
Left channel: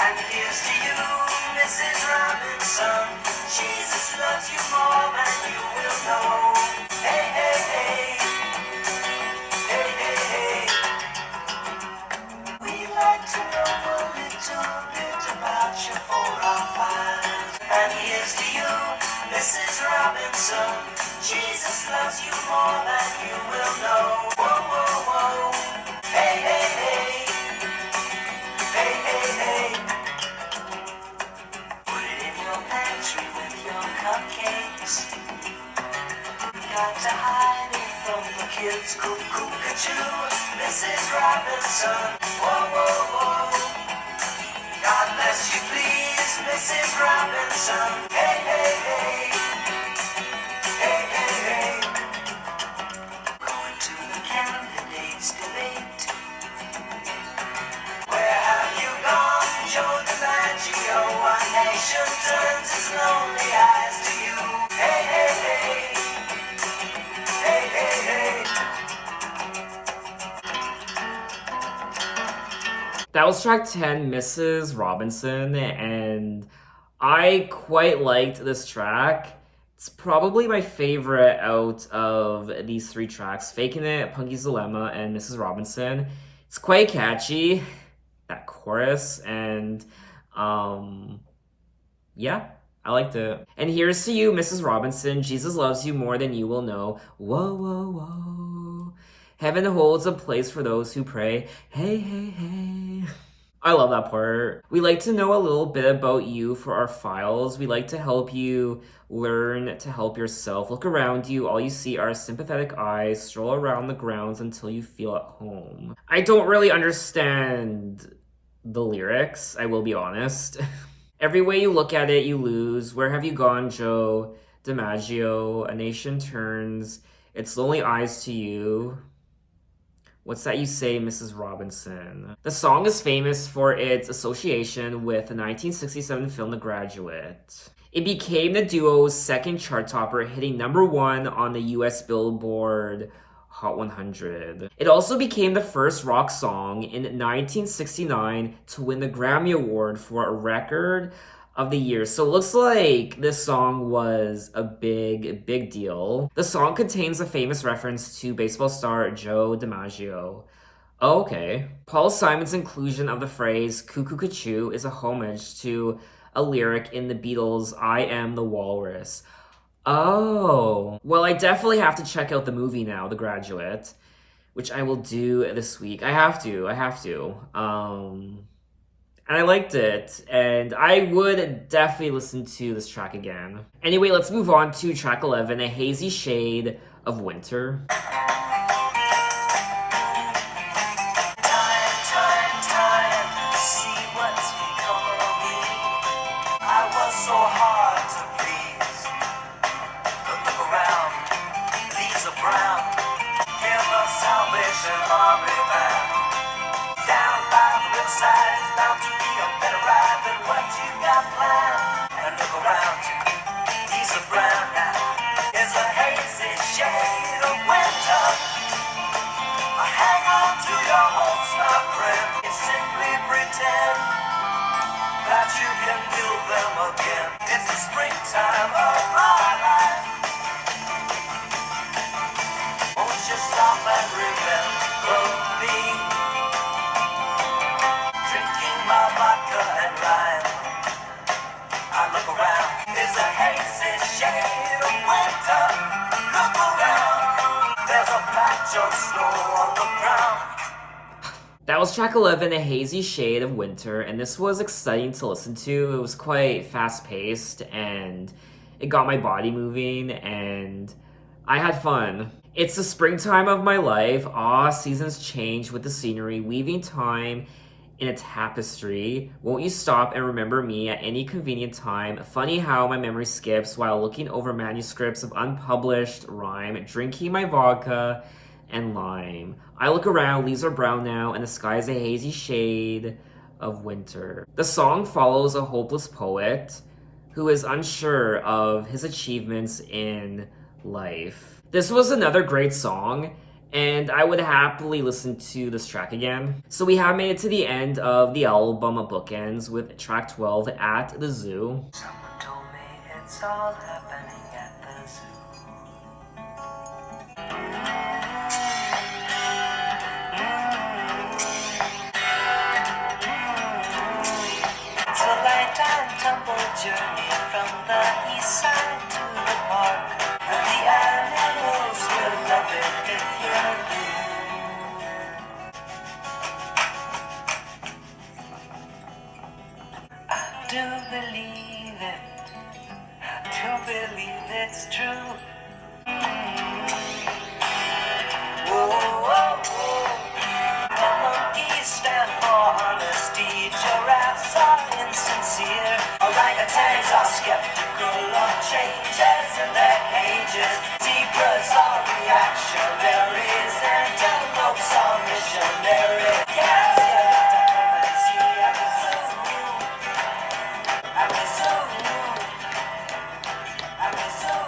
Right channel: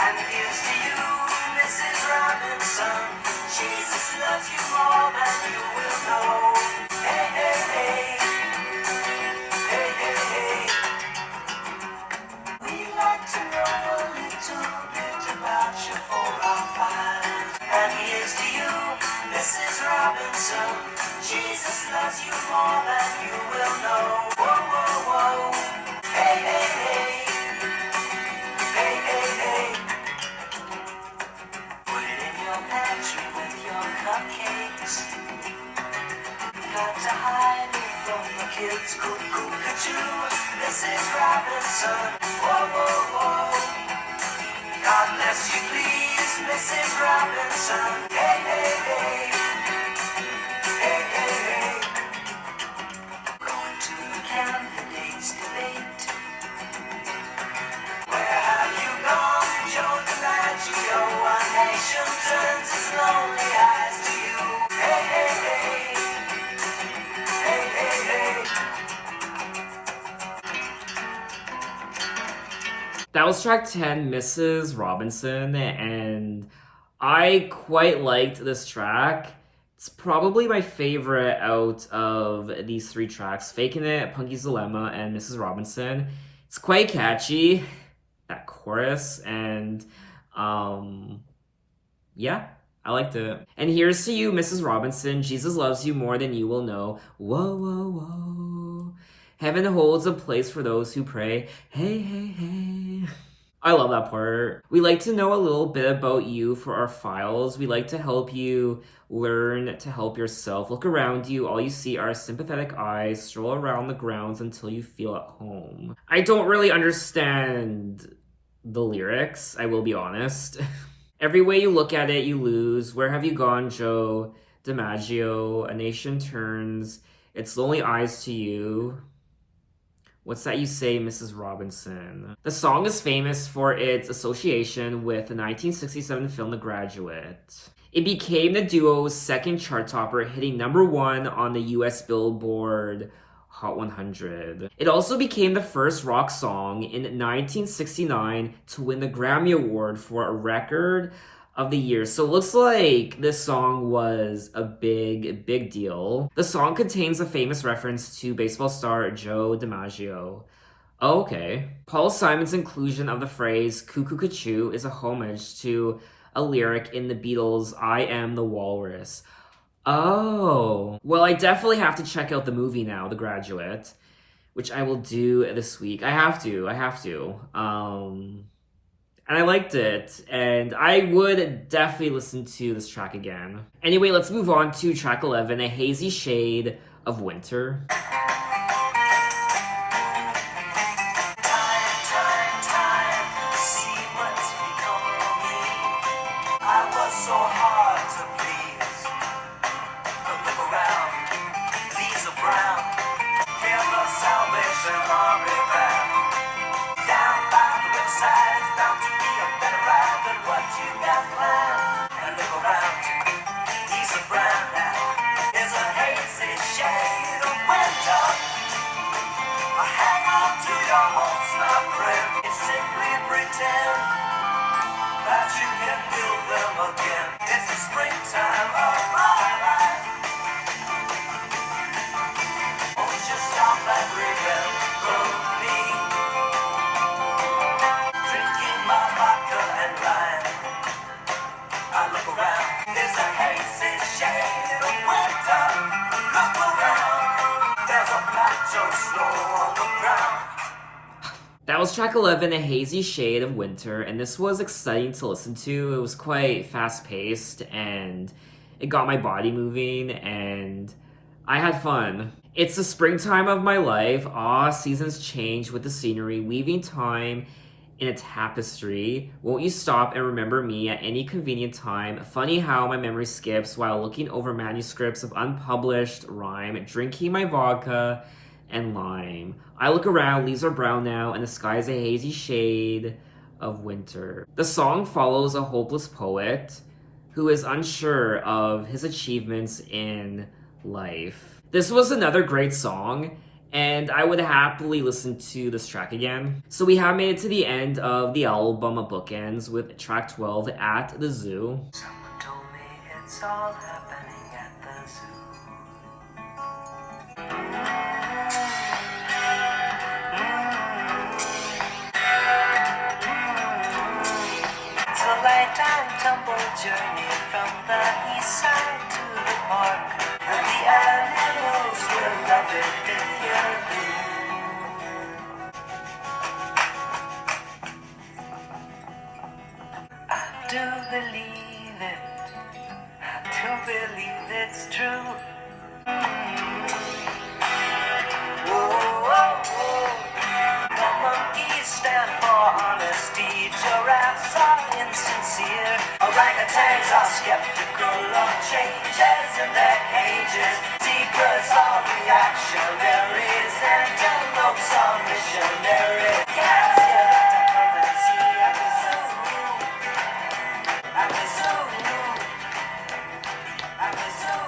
And here's to you, Mrs. Robinson. Jesus loves you more than you will know. Hey, hey, hey. Hey, hey, hey. We'd like to know a little bit about you for our files. And here's to you, Mrs. Robinson. Jesus loves you more than you will know. Whoa, whoa, whoa. Hey, hey, hey. Hey, hey, hey. Put it in your pantry with your cupcakes. Got to hide it from the kids. Cuckoo-ca-choo, Mrs. Robinson. Whoa, whoa, whoa. God bless you, please, Mrs. Robinson. Hey, hey, hey. Hey, hey, hey. Going to the candidates debate. Where have you gone, Joe DiMaggio? Our nation turns its lonely eyes to you. Hey, hey, hey. Hey, hey, hey. That was track 10, Mrs. Robinson, and I quite liked this track. It's probably my favorite out of these 3 tracks, Faking It, Punky's Dilemma, and Mrs. Robinson. It's quite catchy, that chorus, and yeah, I liked it. And here's to you, Mrs. Robinson. Jesus loves you more than you will know. Whoa, whoa, whoa. Heaven holds a place for those who pray. Hey, hey, hey. I love that part. We like to know a little bit about you for our files. We like to help you learn to help yourself. Look around you. All you see are sympathetic eyes. Stroll around the grounds until you feel at home. I don't really understand the lyrics, I will be honest. Every way you look at it, you lose. Where have you gone, Joe DiMaggio? A nation turns its lonely eyes to you. What's that you say, Mrs. Robinson? The song is famous for its association with the 1967 film The Graduate. It became the duo's second chart topper, hitting #1 on the US Billboard Hot 100. It also became the first rock song in 1969 to win the Grammy Award for a record of the year. So it looks like this song was a big deal. The song contains a famous reference to baseball star Joe DiMaggio. Oh, okay. Paul Simon's inclusion of the phrase cuckoo-ca-choo is a homage to a lyric in the Beatles' I Am the Walrus. Oh. Well, I definitely have to check out the movie now, The Graduate, which I will do this week. I have to. And I liked it, and I would definitely listen to this track again. Anyway, let's move on to track 11, A Hazy Shade of Winter. Time, see what's become of me. I was so hard to please. But look around, leaves are brown. Hear the Salvation Army band. Down by the riverside, it's bound to be a better ride than what you got planned. And look around, leaves are brown now. It's a hazy shade of winter. Hang on to your hopes, my friend. Simply pretend that you can build them again. It's the springtime of my life. Won't you stop and remember me? Drinking my vodka and lime. I look around, there's a hazy shade of winter. Look around, there's a patch of snow on the ground. That was track 11, A Hazy Shade of Winter, and this was exciting to listen to. It was quite fast-paced, and It got my body moving, and I had fun. It's the springtime of my life. Seasons change with the scenery, weaving time in a tapestry. Won't you stop and remember me at any convenient time? Funny how my memory skips while looking over manuscripts of unpublished rhyme, drinking my vodka and lime. I look around, leaves are brown now, and the sky is a hazy shade of winter. The song follows a hopeless poet who is unsure of his achievements in life. This was another great song, and I would happily listen to this track again. So we have made it to the end of the album Bookends with track 12, At the Zoo. Someone told me it's all happening at the zoo. It's a lifetime tumble journey from the east side to the park. And the animals will love it if you agree. I do believe it. I do believe it's true. Whoa, whoa, whoa. The monkeys stand for honesty. Giraffes are insincere. Orangutans are skeptical of changes in their cages. Zebras are reactionaries. Antelopes are missionaries. Yes, at the zoo. At the zoo.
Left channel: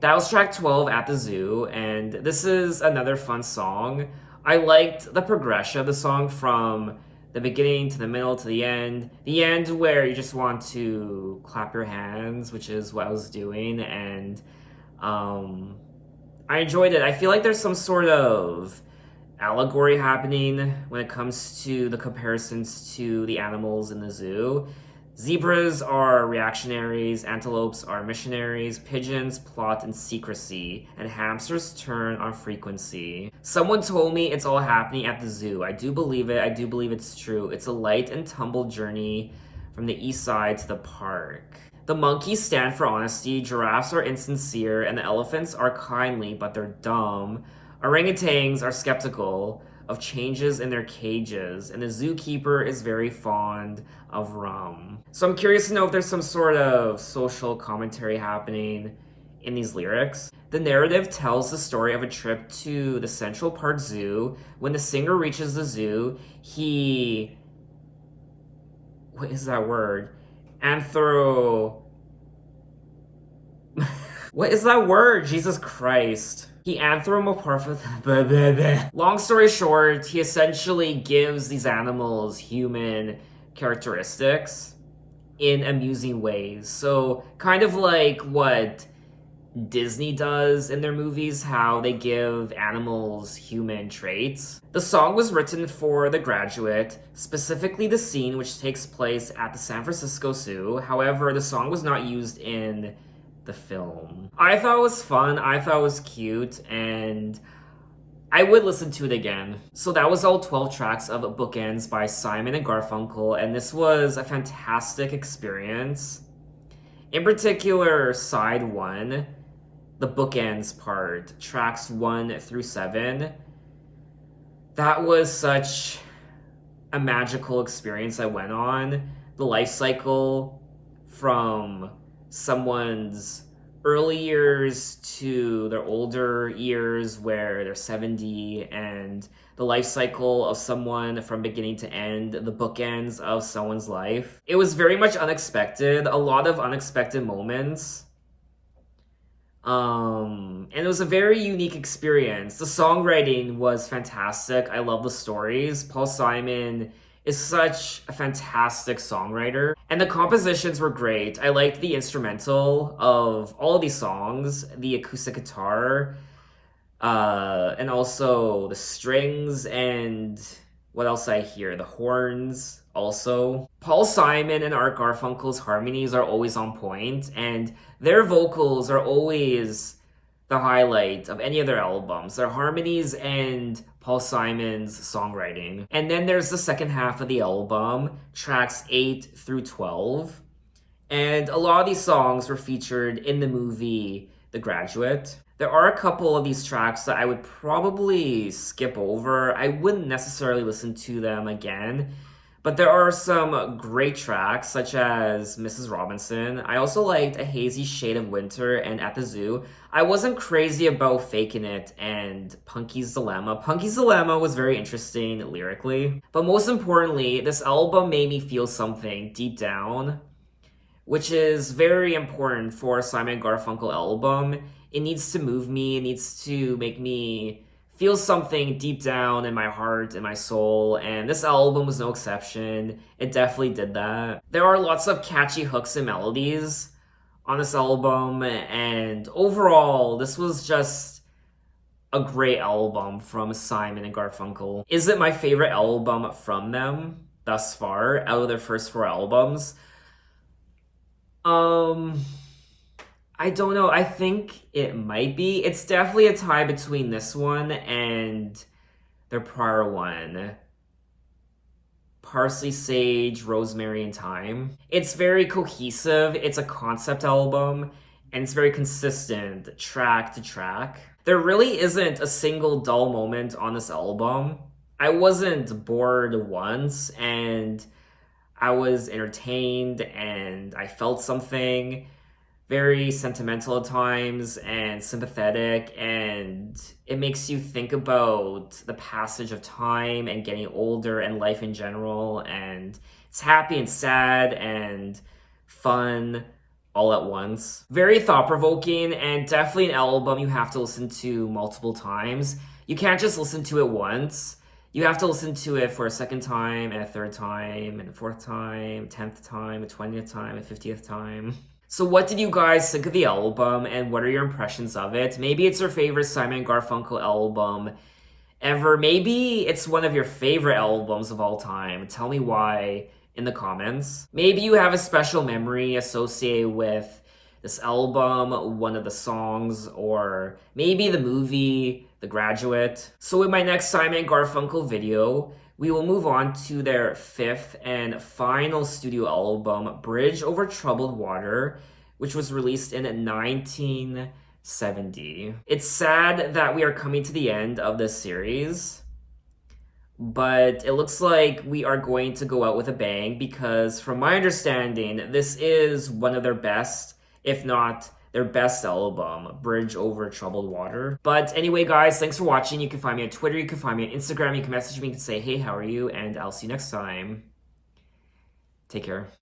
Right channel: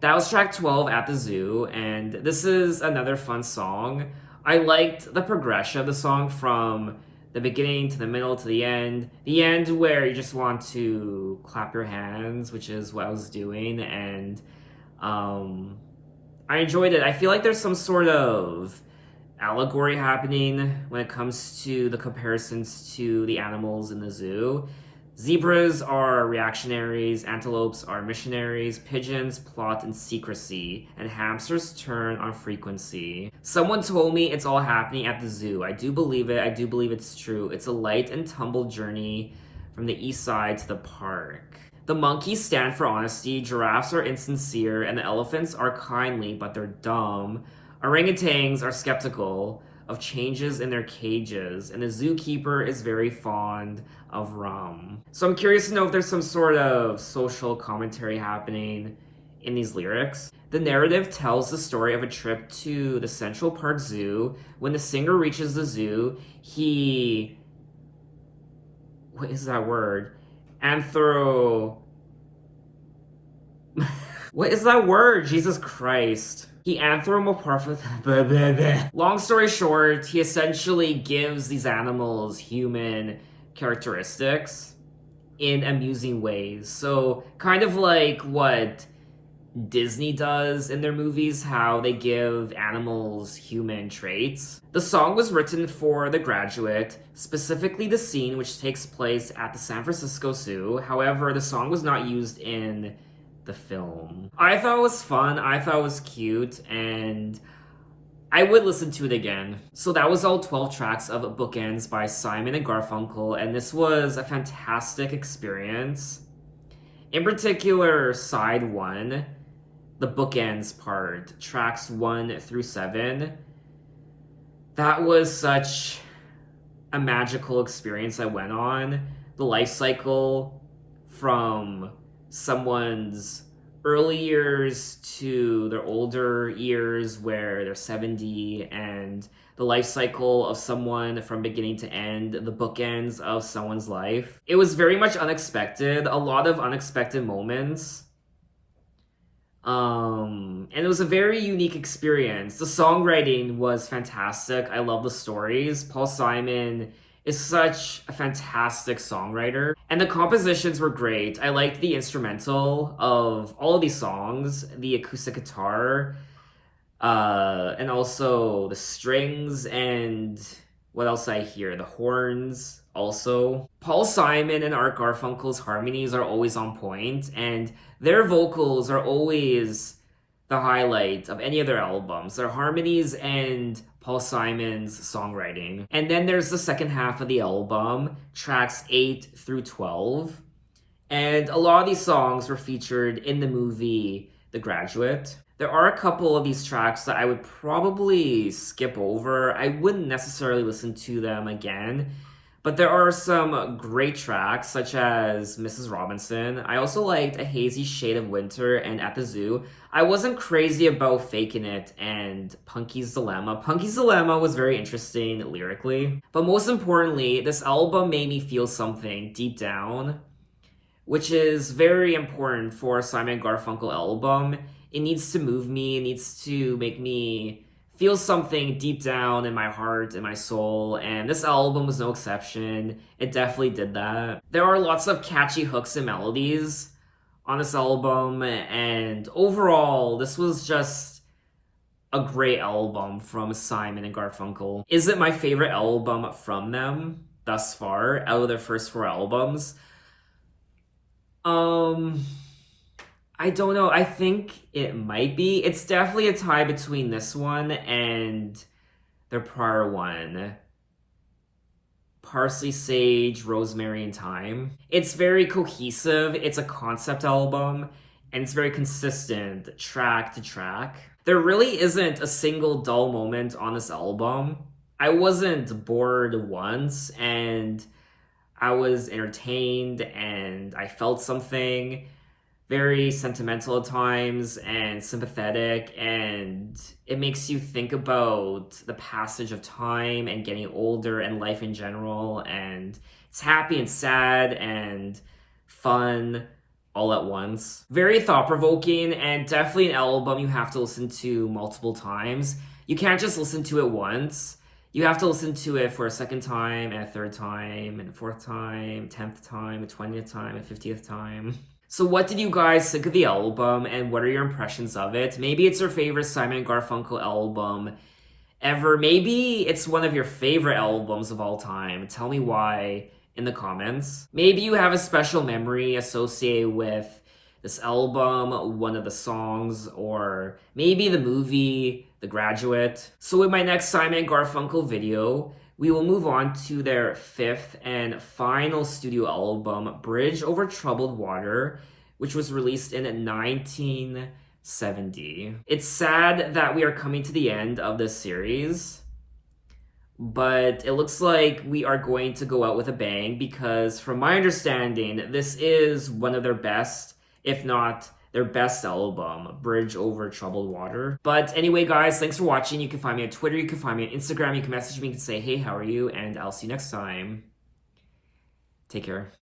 That was track 12, At the Zoo, and this is another fun song. I liked the progression of the song from the beginning to the middle to the end. The end where you just want to clap your hands, which is what I was doing, and I enjoyed it. I feel like there's some sort of allegory happening when it comes to the comparisons to the animals in the zoo. Zebras are reactionaries, antelopes are missionaries, pigeons plot in secrecy, and hamsters turn on frequency. Someone told me it's all happening at the zoo. I do believe it. I do believe it's true. It's a light and tumble journey from the east side to the park. The monkeys stand for honesty, giraffes are insincere, and the elephants are kindly, but they're dumb. Orangutans are skeptical of changes in their cages, and the zookeeper is very fond of rum. So I'm curious to know if there's some sort of social commentary happening in these lyrics. The narrative tells the story of a trip to the Central Park Zoo. When the singer reaches the zoo, he... What is that word? What is that word? Jesus Christ. He anthropomorphizes. Long story short, he essentially gives these animals human characteristics in amusing ways. So, kind of like what Disney does in their movies, how they give animals human traits. The song was written for The Graduate, specifically the scene which takes place at the San Francisco Zoo. However, the song was not used in the film. I thought it was fun, I thought it was cute, and I would listen to it again. So that was all 12 tracks of Bookends by Simon and Garfunkel, and this was a fantastic experience. In particular, side 1, the Bookends part, tracks 1 through 7, that was such a magical experience I went on. The life cycle from someone's early years to their older years where they're 70, and the life cycle of someone from beginning to end, the bookends of someone's life. It was very much unexpected, a lot of unexpected moments. And it was a very unique experience. The songwriting was fantastic. I love the stories. Paul Simon is such a fantastic songwriter. And the compositions were great. I liked the instrumental of all of these songs, the acoustic guitar, and also the strings, and what else I hear? The horns also. Paul Simon and Art Garfunkel's harmonies are always on point, and their vocals are always the highlight of any of their albums. Their harmonies and Paul Simon's songwriting. And then there's the second half of the album, tracks 8 through 12. And a lot of these songs were featured in the movie The Graduate. There are a couple of these tracks that I would probably skip over. I wouldn't necessarily listen to them again. But there are some great tracks, such as Mrs. Robinson. I also liked A Hazy Shade of Winter and At the Zoo. I wasn't crazy about Faking It and Punky's Dilemma. Punky's Dilemma was very interesting lyrically. But most importantly, this album made me feel something deep down, which is very important for a Simon Garfunkel album. It needs to move me, it needs to make me feel something deep down in my heart, in my soul, and this album was no exception. It definitely did that. There are lots of catchy hooks and melodies on this album, and overall, this was just a great album from Simon and Garfunkel. Is it my favorite album from them thus far, out of their first 4 albums? I don't know. I think it might be. It's definitely a tie between this one and their prior one. Parsley, Sage, Rosemary, and Thyme. It's very cohesive. It's a concept album, and it's very consistent track to track. There really isn't a single dull moment on this album. I wasn't bored once, and I was entertained, and I felt something. Very sentimental at times and sympathetic, and it makes you think about the passage of time and getting older and life in general, and it's happy and sad and fun all at once. Very thought-provoking, and definitely an album you have to listen to multiple times. You can't just listen to it once. You have to listen to it for a second time, and a third time, and a fourth time, 10th time, a 20th time, a 50th time. So what did you guys think of the album, and what are your impressions of it? Maybe it's your favorite Simon Garfunkel album ever. Maybe it's one of your favorite albums of all time. Tell me why in the comments. Maybe you have a special memory associated with this album, one of the songs, or maybe the movie The Graduate. So in my next Simon Garfunkel video, we will move on to their 5th and final studio album, Bridge Over Troubled Water, which was released in 1970. It's sad that we are coming to the end of this series, but it looks like we are going to go out with a bang because from my understanding, this is one of their best, if not their best album, Bridge Over Troubled Water. But anyway, guys, thanks for watching. You can find me on Twitter, you can find me on Instagram, you can message me and say, hey, how are you? And I'll see you next time. Take care.